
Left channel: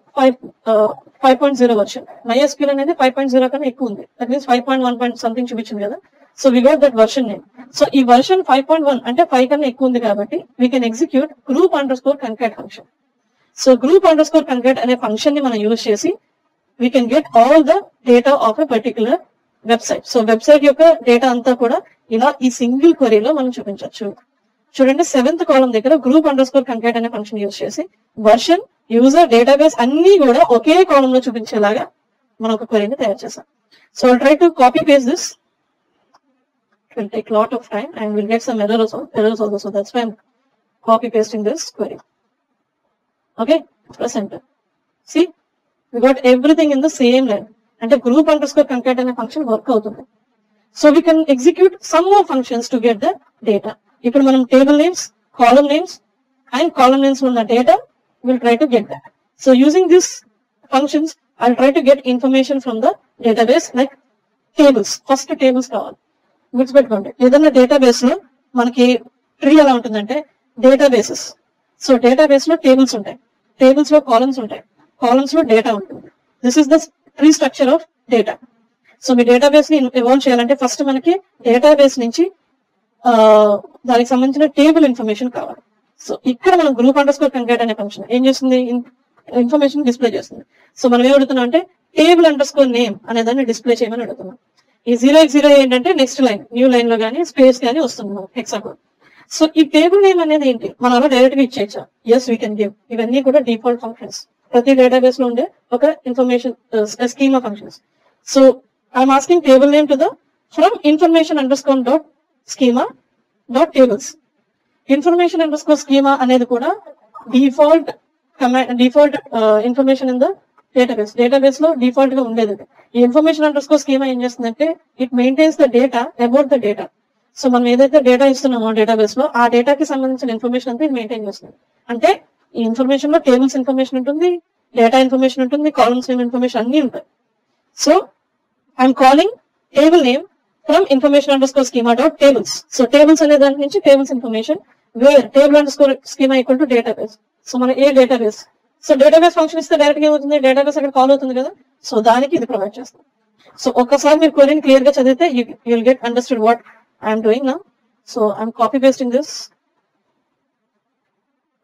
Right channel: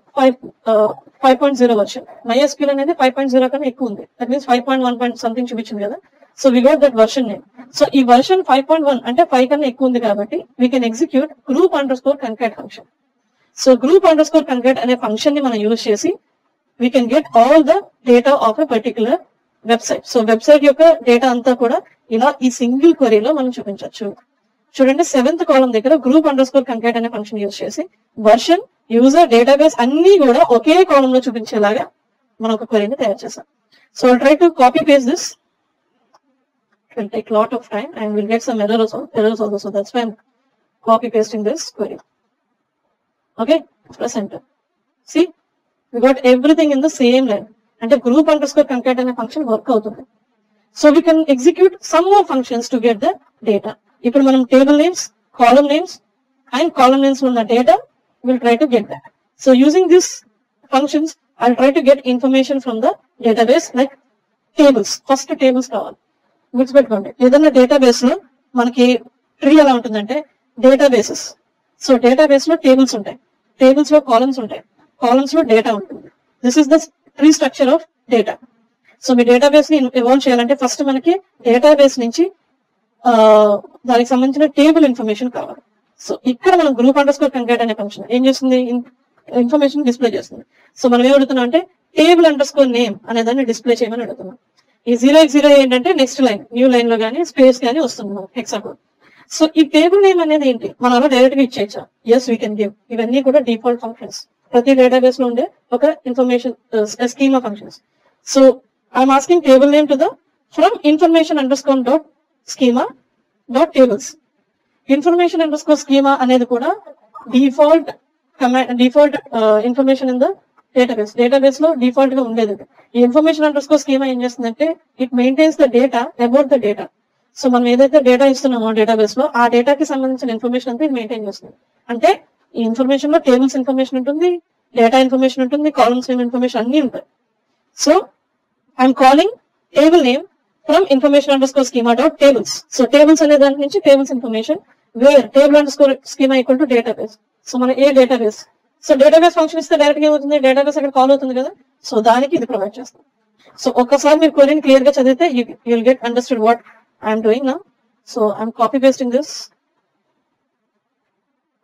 5.0 version. MySQL అనేది 5.0 కన్నా ఎక్కువ ఉంది. దట్ మీన్స్ 5.1 something చూపించింది కదా. So we got that version name. So ఈ వర్షన్ 5.1 అంటే 5 కన్నా ఎక్కువ ఉంది కాబట్టి we can execute group_concat function. So group_concat అనే ఫంక్షన్ ని మనం యూజ్ చేసి we can get all the data of a particular website. So website యొక్క డేటా అంతా కూడా ఇలా ఈ సింగిల్ క్వరీలో మనం చూపించవచ్చు. చూడండి 7th కాలం దగ్గర group_concat అనే ఫంక్షన్ యూజ్ చేసి వర్షన్, యూజర్, డేటాబేస్ అన్ని కూడా ఒకే కాలం లో చూపించేలాగా మనం ఒక క్వరీని తయారు చేసాం. So I'll try to copy paste this. It will take a lot of time and we'll get some errors also. So that's why I'm copy pasting this query. Okay, press enter. See, we got everything in the same line. And the group_concat అనే function work అవుతుంది. So we can execute some more functions to get the data. ఇప్పుడు మనం table names, column names and column names ఉన్న data we'll try to get that. So using these functions I'll try to get information from the database like tables. First tables కావాలి. గుర్తుపెట్టుకోండి, ఏదైనా డేటాబేస్ లో మనకి ట్రీ ఎలా ఉంటుందంటే డేటాబేసెస్. సో డేటాబేస్ లో టేబుల్స్ ఉంటాయి, టేబుల్స్ లో కాలమ్స్ ఉంటాయి, కాలమ్స్ లో డేటా ఉంటుంది. This is the tree structure of data. So మీ డేటాబేస్ ని ఎవాల్వ్ చేయాలంటే ఫస్ట్ మనకి డేటాబేస్ నుంచి దానికి సంబంధించిన టేబుల్ ఇన్ఫర్మేషన్ కావాలి. సో ఇక్కడ మనం group_concat అనే ఫంక్షన్ ఏం చేస్తుంది, ఇన్ఫర్మేషన్ డిస్ప్లే చేస్తుంది. సో మనం ఏం అడుగుతున్నాం అంటే table_name అనే దాన్ని డిస్ప్లే చేయమని అడుగుతున్నాం. ఈ 0x0 ఏంటంటే నెక్స్ట్ లైన్, న్యూ లైన్ లో గానీ స్పేస్ గానీ వస్తుంది హెక్సాకోడ్. సో ఈ టేబుల్ నేమ్ అనేది ఏంటి, మనం అలా డైరెక్ట్ గా ఇచ్చేయచ్చు. Yes we can give. ఇవన్నీ కూడా డిఫాల్ట్ ఫంక్షన్స్, ప్రతి డేటాబేస్ లో ఉండే ఒక information schema functions. So I'm asking table name to the from information_schema.tables. information_schema అనేది కూడా default information in the database లో డిఫాల్ట్ గా ఉండేది. ఈ information_schema ఏం చేస్తుందంటే it maintains the data about the data. So మనం ఏదైతే డేటా ఇస్తున్నామో డేటాబేస్ లో ఆ డేటాకి సంబంధించిన ఇన్ఫర్మేషన్ అంతా ఇది మెయింటైన్ చేస్తుంది. అంటే ఈ ఇన్ఫర్మేషన్ లో టేబుల్స్ ఇన్ఫర్మేషన్ ఉంటుంది, డేటా ఇన్ఫర్మేషన్ ఉంటుంది, కాలమ్స్ ఇన్ఫర్మేషన్ అన్ని ఉంటాయి. So I'm calling table name from information_schema.tables. So tables అనే దాని నుంచి tables information, where table_schema equal to database. So మన ఏ డేటాబేస్, సో డేటాబేస్ ఫంక్షన్ ఇస్తే డైరెక్ట్ గా ఏమవుతుంది, డేటాబేస్ అక్కడ కాల్ అవుతుంది కదా. సో దానికి ఇది ప్రొవైడ్ చేస్తాం. సో ఒక్కసారి మీరు క్వరీని క్లియర్ గా చదివితే you will get understood what I'm doing now. So I'm copy pasting this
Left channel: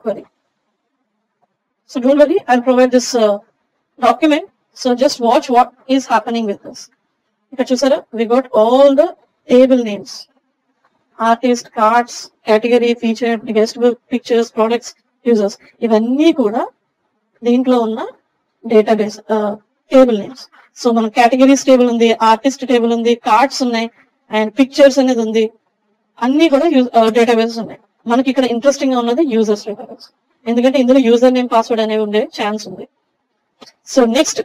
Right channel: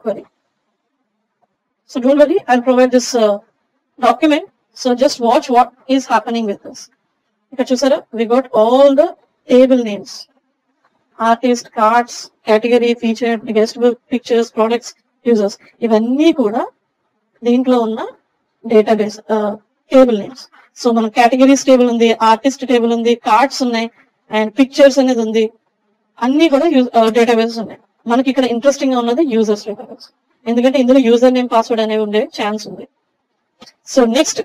query. So don't worry, I'll provide this document. So just watch what is happening with this. ఇక్కడ చూసారా, we got all the table names, artist, cards, category, feature, guest book, pictures, products, users. ఇవన్నీ కూడా దీంట్లో ఉన్న database table names. So మన categories table ఉంది, artist table ఉంది, కార్డ్స్ ఉన్నాయి అండ్ పిక్చర్స్ అనేది ఉంది. అన్ని కూడా డేటాబేసెస్ ఉన్నాయి. మనకి ఇక్కడ ఇంట్రెస్టింగ్ గా ఉన్నది యూజర్స్ డేటాబేస్, ఎందుకంటే ఇందులో యూజర్ నేమ్, పాస్వర్డ్ అనేవి ఉండే ఛాన్స్ ఉంది. సో నెక్స్ట్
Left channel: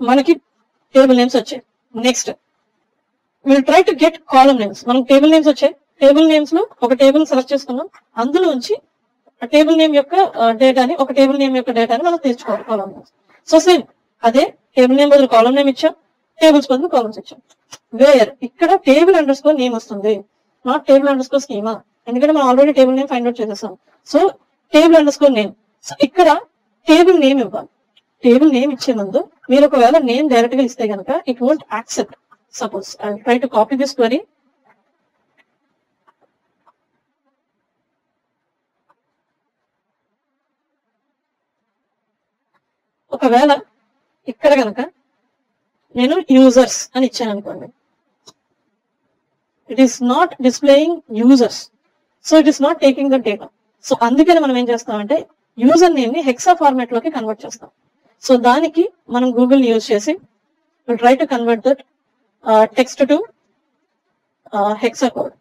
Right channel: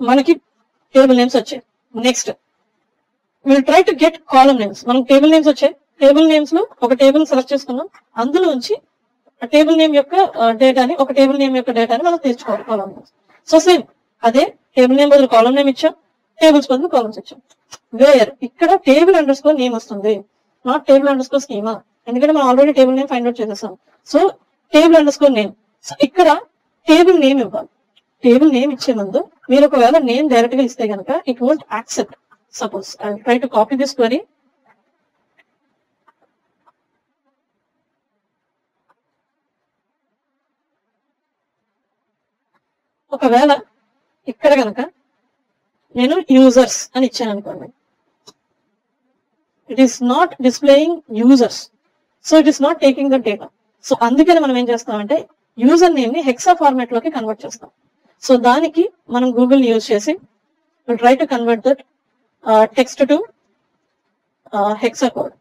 మనకి టేబుల్ నేమ్స్ వచ్చాయి. Next will try to get column names. మనకి టేబుల్ నేమ్స్ వచ్చాయి. టేబుల్ నేమ్స్ లో ఒక టేబుల్ సెలెక్ట్ చేసుకున్నాం, అందులో నుంచి టేబుల్ నేమ్ యొక్క డేటాని, ఒక టేబుల్ నేమ్ యొక్క డేటాని మనం తీర్చుకోవాలి కాలమ్ నేమ్స్. సో సేమ్ అదే టేబుల్ నేమ్ బదులు కాలమ్ నేమ్ ఇచ్చాం, టేబుల్స్ బదులు కాలమ్స్ ఇచ్చాం. వేర్ ఇక్కడ table_name వస్తుంది, నాట్ table_schema, ఎందుకంటే మనం already table name find out చేసేసాం. So table_name. సో ఇక్కడ టేబుల్ నేమ్ ఇవ్వాలి. టేబుల్ నేమ్ ఇచ్చే ముందు మీరు ఒకవేళ నేమ్ డైరెక్ట్ గా ఇస్తే కనుక it won't accept. Suppose I try to copy this query. ఒకవేళ ఇక్కడ కనుక నేను యూజర్స్ అని ఇచ్చాను అనుకోండి, it is not displaying users, so it is not taking the data. So అందుకని మనం ఏం చేస్తామంటే యూజర్ నేమ్ ని హెక్సా ఫార్మాట్ లోకి కన్వర్ట్ చేస్తాం. సో దానికి మనం గూగుల్ యూజ్ చేసి try to convert that text to hexa code.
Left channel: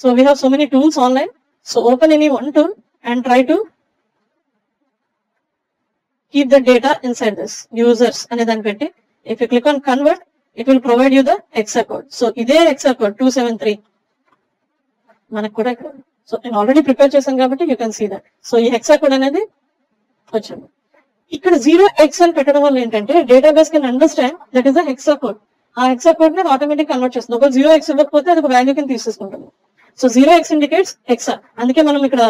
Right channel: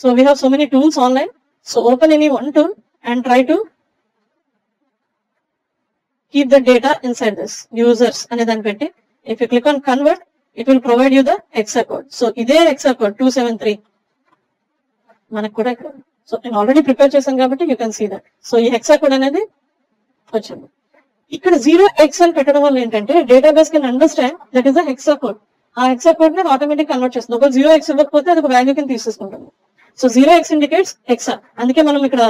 So we have so many tools online. So open any one tool and try to keep the data inside this users ane dani petti. If you click on convert, it will provide you the hexa code. So ide hexa code 273 manaku kuda ikkada. So నేను already prepare చేశాను కాబట్టి you can see that. So ఈ hexa code అనేది వచ్చింది. ఇక్కడ 0x అని పెట్టడం వల్ల ఏంటంటే database can understand that is the hexa code. ఆ హెక్సా కోడ్ ని ఆటోమేటిక్ కన్వర్ట్ చేస్తుంది. ఒక 0x ఇవ్వకపోతే అది ఒక వాల్యూ కింద తీసేసుకుంటుంది. So 0x indicates hexa. అందుకే మనం ఇక్కడ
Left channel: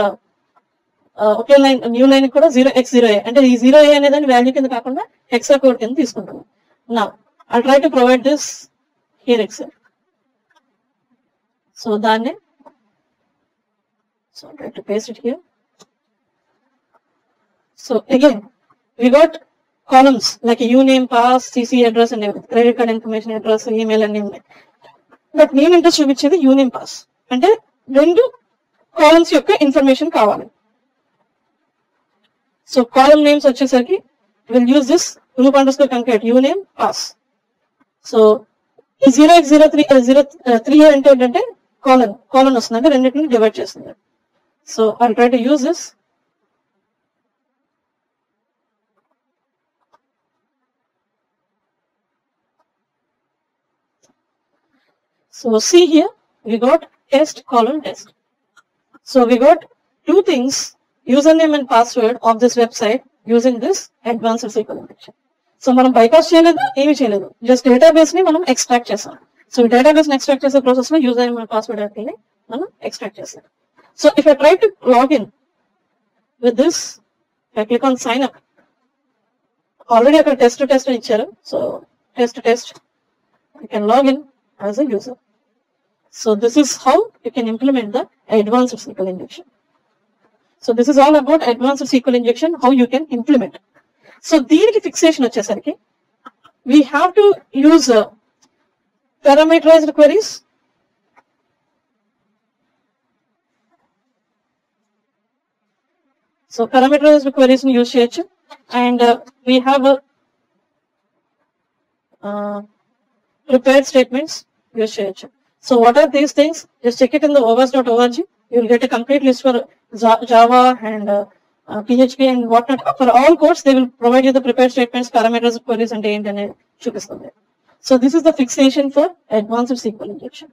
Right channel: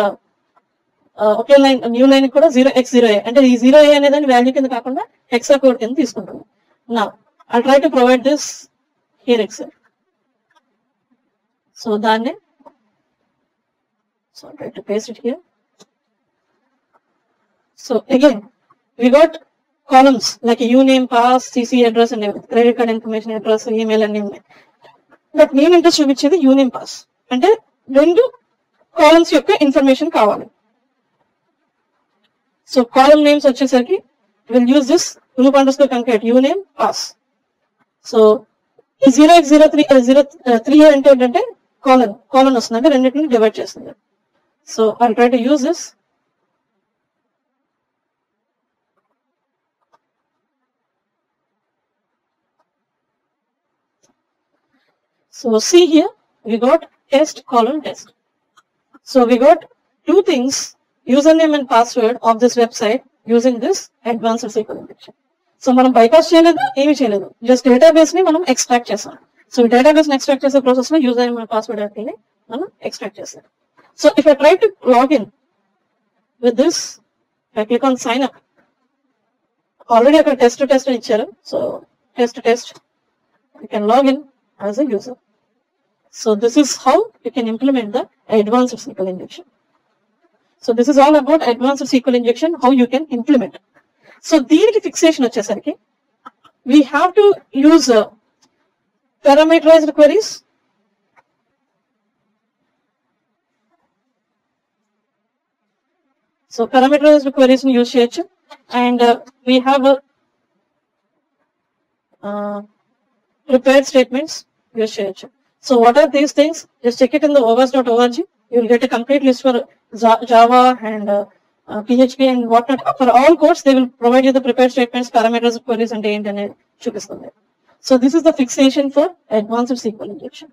ఒకే లైన్ న్యూ లైన్ కూడా 0x0a అంటే ఈ 0a అనేది వాల్యూ కింద కాకుండా హెక్సా కోడ్ కింద తీసుకుంటాను. Now I'll try to provide this here itself. So దాన్ని I'll try to paste it here. So again, we got columns like uname, pass, CC address and everything. Credit card information, address, email and everything. But main interest చూపించేది uname, pass. అంటే 2 కాలమ్స్ యొక్క ఇన్ఫర్మేషన్ కావాలి. So column names వచ్చేసరికి will use this group_concat uname, pass. So ఈ 0x03 అంటే ఏంటంటే కాలన్ వస్తుంది, అంటే రెండింటిని డివైడ్ చేస్తుంది. So I try to use this. So see here, we got test colon test. So we got 2 things, username and password of this website using this advanced SQL injection. So మనం bypass చేయలేదు, ఏమీ చేయలేదు, just database ని మనం extract చేసాం. So ఈ database ని extract చేసే ప్రాసెస్ లో username and password ని మనం extract చేసాం. So if I try to log in with this, I click on sign up. Already అక్కడ test అని ఇచ్చారు. So test, you can log in as a user. So this is how you can implement the advanced SQL injection. So this is all about advanced SQL injection, how you can implement. So దీనికి fixation వచ్చేసరికి we have to use parameterized queries. So parameterized queries we use చేయొచ్చు, and we have prepared statements use చేయొచ్చు. So what are these things? Just check it in the overs.org. You will get a complete list for Java and PHP and whatnot. For all codes, they will provide you the prepared statements, parameters, queries, and internet. So this is the fixation for advanced SQL injection.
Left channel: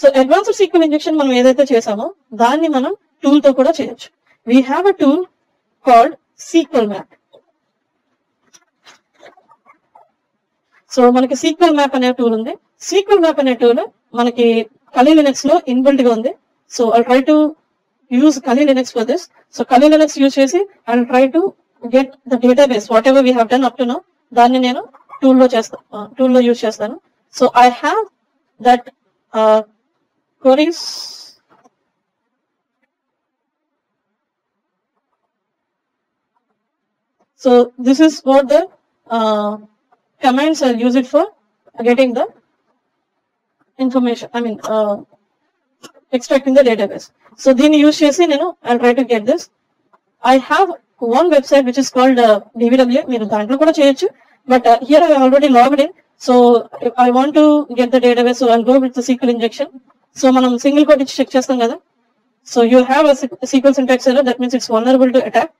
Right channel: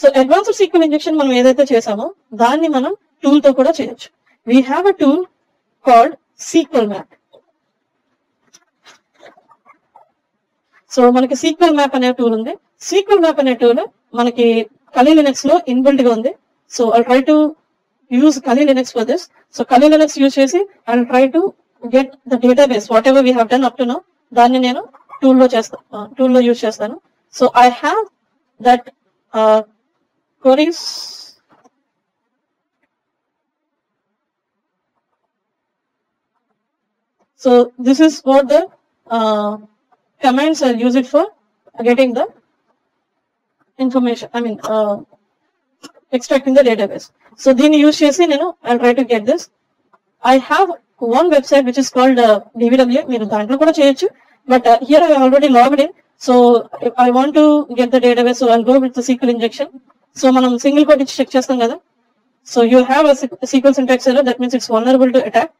So advanced SQL injection మనం ఏదైతే చేసామో దాన్ని మనం tool తో కూడా చేయొచ్చు. We have a tool called SQL Map. So మనకి SQL Map అనే టూల్ ఉంది. SQL Map అనే టూల్ మనకి Kali Linux లో ఇన్బిల్ట్ గా ఉంది. So I'll try to use Kali Linux for this. So Kali Linux use చేసి I'll try to get the database whatever we have done up to now. దాన్ని నేను టూల్ లో యూజ్ చేస్తాను. So I have that queries. So this is what the commands are used for getting the information, extracting the database. So then use chesi nenu I'll try to get this. I have one website which is called DVWA. Meeru dantlo kuda cheyochu, but here I already logged in. So if I want to get the database, so I'll go with the SQL injection. So manam single quote ichi check chestam kada. So you'll have a SQL syntax error, that means it's vulnerable to attack.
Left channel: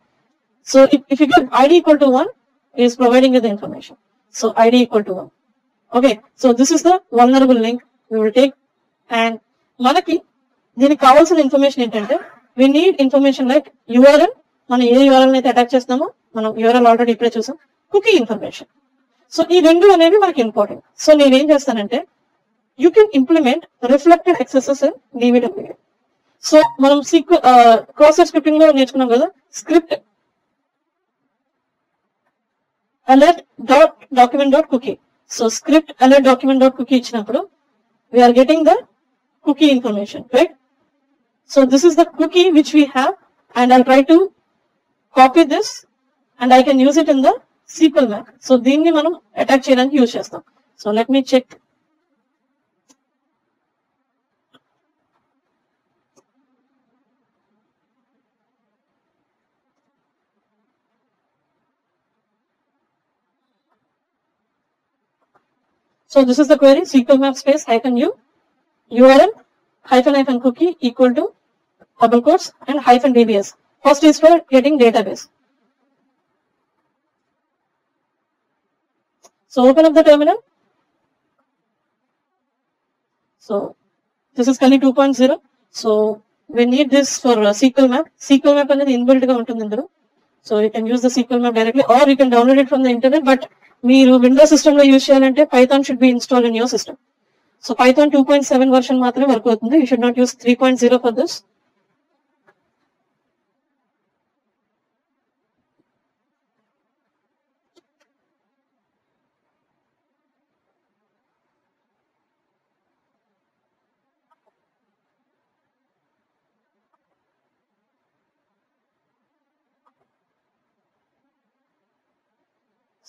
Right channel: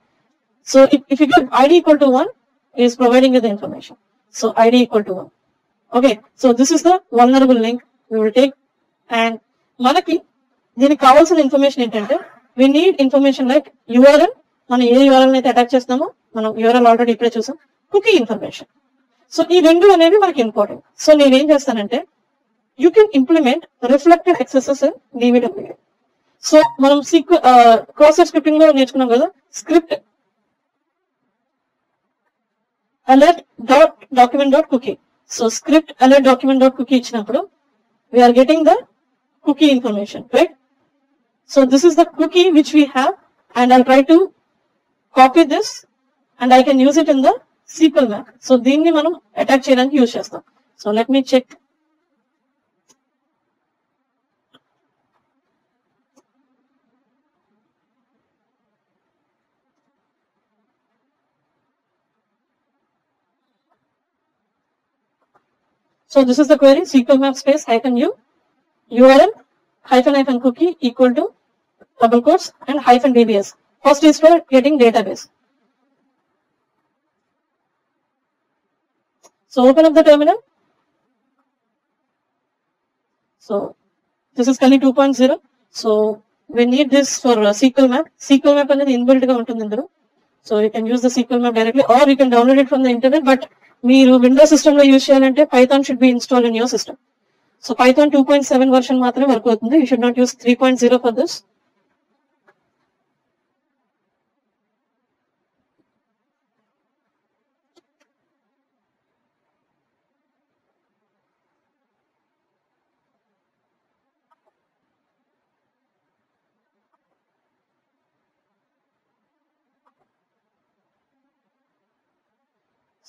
So if you get ID equal to 1, it is providing you the information. So ID equal to 1. Okay, so this is the vulnerable link we will take. And మనకి దీనికి కావాల్సిన ఇన్ఫర్మేషన్ ఏంటంటే we need information like URL. మనం ఏ URL అయితే అటాచ్ చేస్తామో, మనం URL already ఇప్పుడే చూసాం. Cookie information. సో ఈ రెండు అనేవి మనకి ఇంపార్టెంట్. సో నేను ఏం చేస్తానంటే you can implement reflected accesses in DVWA. So మనం క్రోసర్ స్క్రిప్టింగ్ లో నేర్చుకున్నాం కదా, script alert document dot cookie. So script alert document dot cookie ఇచ్చినప్పుడు we are getting the cookie information, right? So this is the cookie which we have, and I'll try to copy this and I can use it in the SQL Map. So దీన్ని మనం అటాక్ చేయడానికి యూజ్ చేస్తాం. So let me check. So this is the query, SQL Map space -u URL -- cookie equal to double quotes and -dbs. First is for getting database. So open up the terminal. So this is Kali 2.0. So we need this for SQL Map. SQL Map అనేది ఇన్బిల్ట్ గా ఉంటుంది ఇందులో. So you can use the SQL Map directly or you can download it from the internet. But మీరు Windows system లో యూజ్ చేయాలంటే Python should be installed in your system. So Python 2.7 version మాత్రమే వర్క్ అవుతుంది. You should not use 3.0 for this.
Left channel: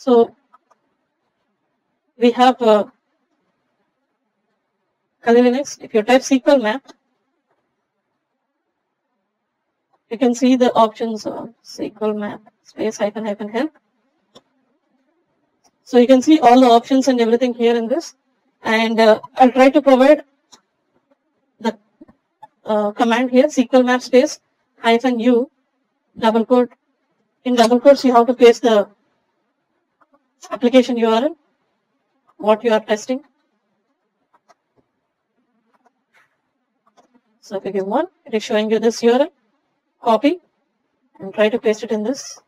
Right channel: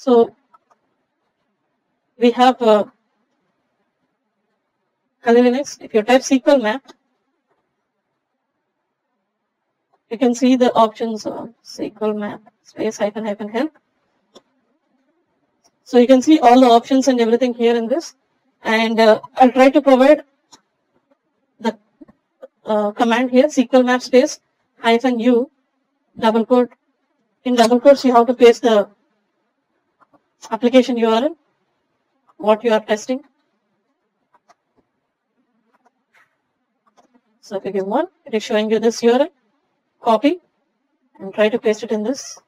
So we have Kali Linux. If you type SQL map, you can see the options of SQL map space hyphen help. So you can see all the options and everything here in this. And I'll try to provide the command here, SQL map space hyphen U double quote. In double quotes, you have to paste the application URL, what you are testing. So if you give one, it is showing you this URL, copy and try to paste it in this.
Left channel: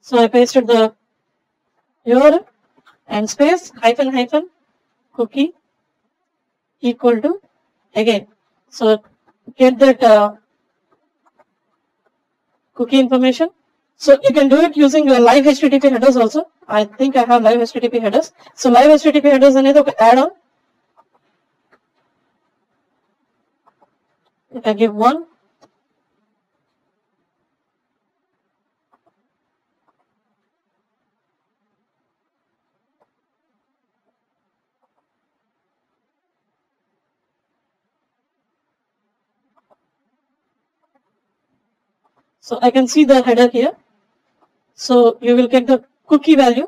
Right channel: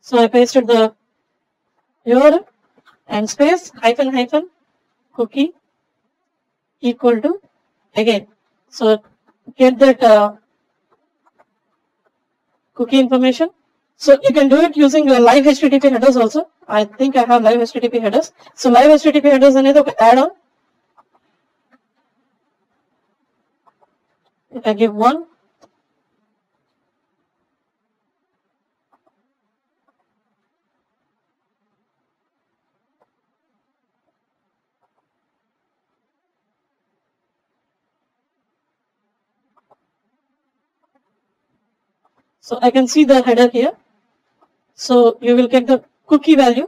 So I pasted the URL and space hyphen cookie equal to again. So get that cookie information. So you can do it using the live HTTP headers also. I think I have live HTTP headers. So live HTTP headers అనేది ఒక add-on. If I give one, so I can see the header here. So you will get the cookie value.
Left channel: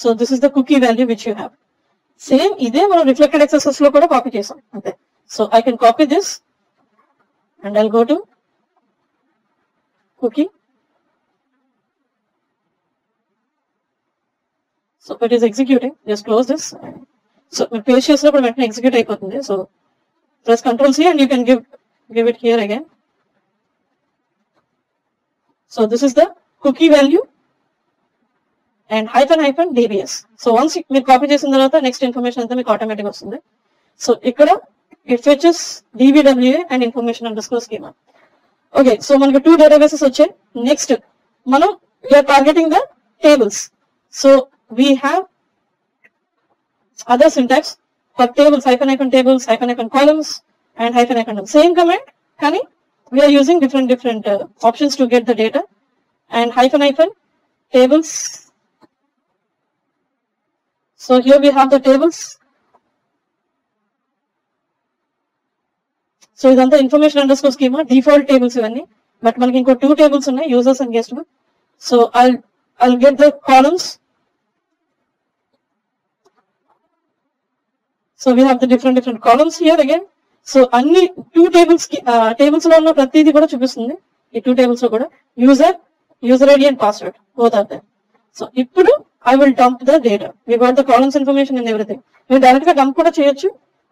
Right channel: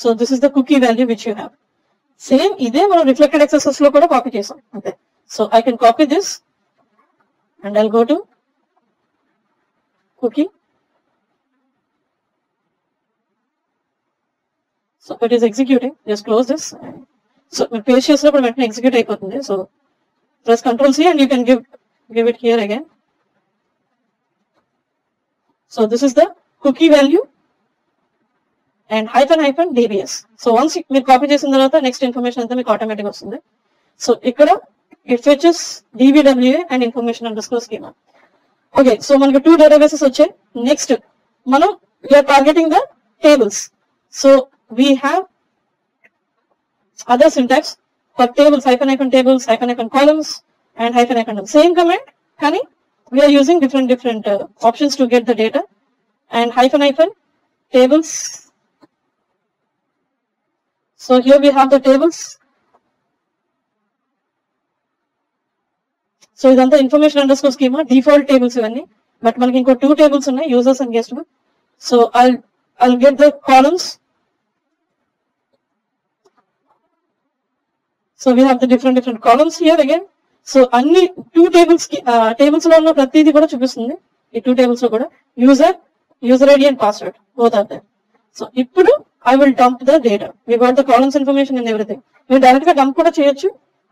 So this is the cookie value which you have. Same ఇదే మనం reflected excesses లో కూడా కాపీ చేసాం. So I can copy this and I'll go to cookie. So it is executing. Just close this. So we paste చేసినప్పుడు వెంటనే execute అయిపోతుంది. So press Ctrl C and you can give it here again. So this is the cookie value and hyphen DBS. So once మీరు కాపీ చేసిన తర్వాత next information అంతా మీకు ఆటోమేటిక్ వస్తుంది. సో ఇక్కడ it fetches DBWA and information underscore schema. Okay, so మనకి 2 databases వచ్చాయి. నెక్స్ట్ మనం we are targeting the tables. So we have other syntax for tables, hyphen tables, hyphen columns and hyphen same command కానీ we are using different options to get the data. And hyphen tables. So here we have the tables. So ఇదంతా information underscore schema default tables ఇవన్నీ. But మనకి ఇంకో 2 tables ఉన్నాయి, users and guest. So I'll get the columns. So we have the different columns here again. So అన్ని 2 tables లో ఉన్న ప్రతిదీ కూడా చూపిస్తుంది. ఈ 2 tables లో కూడా user ID and password both are there. So ఇప్పుడు I will dump the data. We got the columns information and everything. మీరు డైరెక్ట్ గా dump కూడా చేయొచ్చు,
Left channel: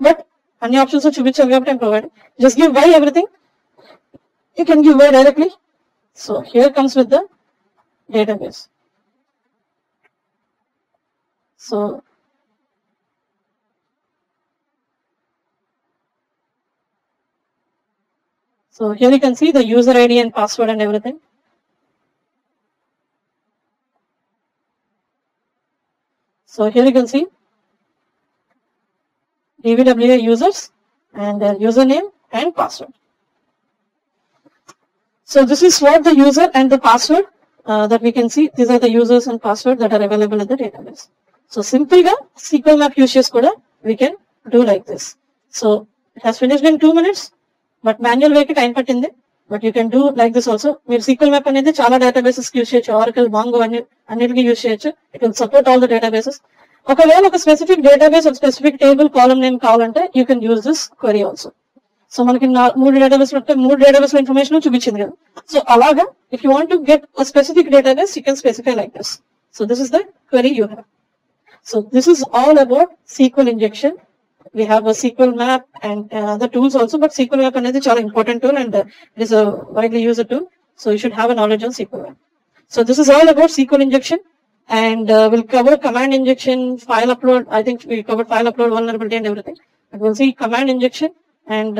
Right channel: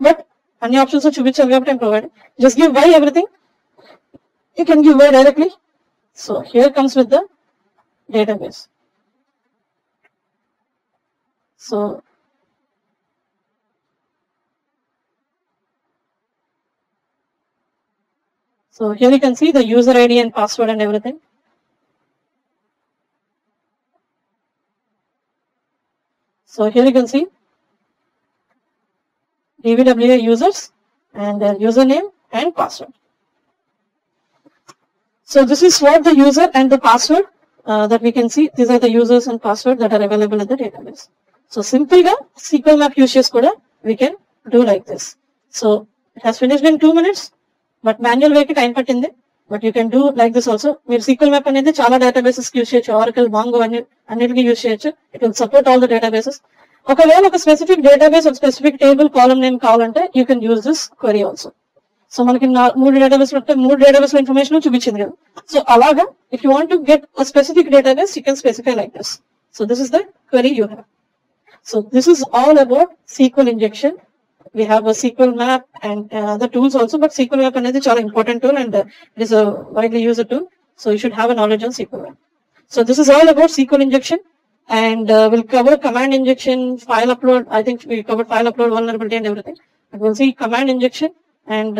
బట్ అన్ని ఆప్షన్స్ చూపించాం కాబట్టి I'm providing. Just give Y everything. You can give Y directly. So here comes with the database. So here you can see the user ID and password and everything. So here you can see DBWA users and their username and password. So this is what the user and the password that we can see. These are the users and password that are available in the database. So simple ga SQL map uses kuda we can do like this. So it has finished in 2 minutes, but manual way ki time pattindi. But you can do like this also. మీరు SQL map అనేది చాలా databases use చేయొచ్చు. Oracle, Mongo అన్నిటికీ యూజ్ చేయొచ్చు. You can support all the databases. ఒకవేళ ఒక specific database ఒక specific table column name కావాలంటే you can use this query also. So మనకి 3 డేటాబేస్ ఉంటే 3 డేటాబేస్ లో ఇన్ఫర్మేషన్ చూపించింది కదా. సో అలాగా if you want to get a specific database, you can specify like this. So this is the query you have. So this is all about SQL injection. We have a SQL map and the tools also, but SQL map అనేది చాలా important tool and it is a widely used tool. So you should have a knowledge on SQL map. So this is all about SQL injection, and we'll cover command injection, file upload. I think we covered file upload, vulnerability and everything. We'll see command injection and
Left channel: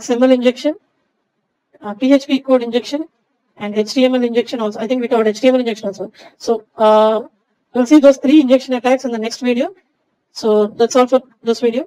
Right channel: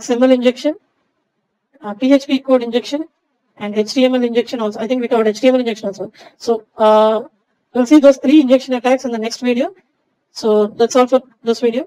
XML injection, PHP code injection and HTML injection also. I think we covered HTML injection also. So we'll see those 3 injection attacks in the next video. So that's all for this video.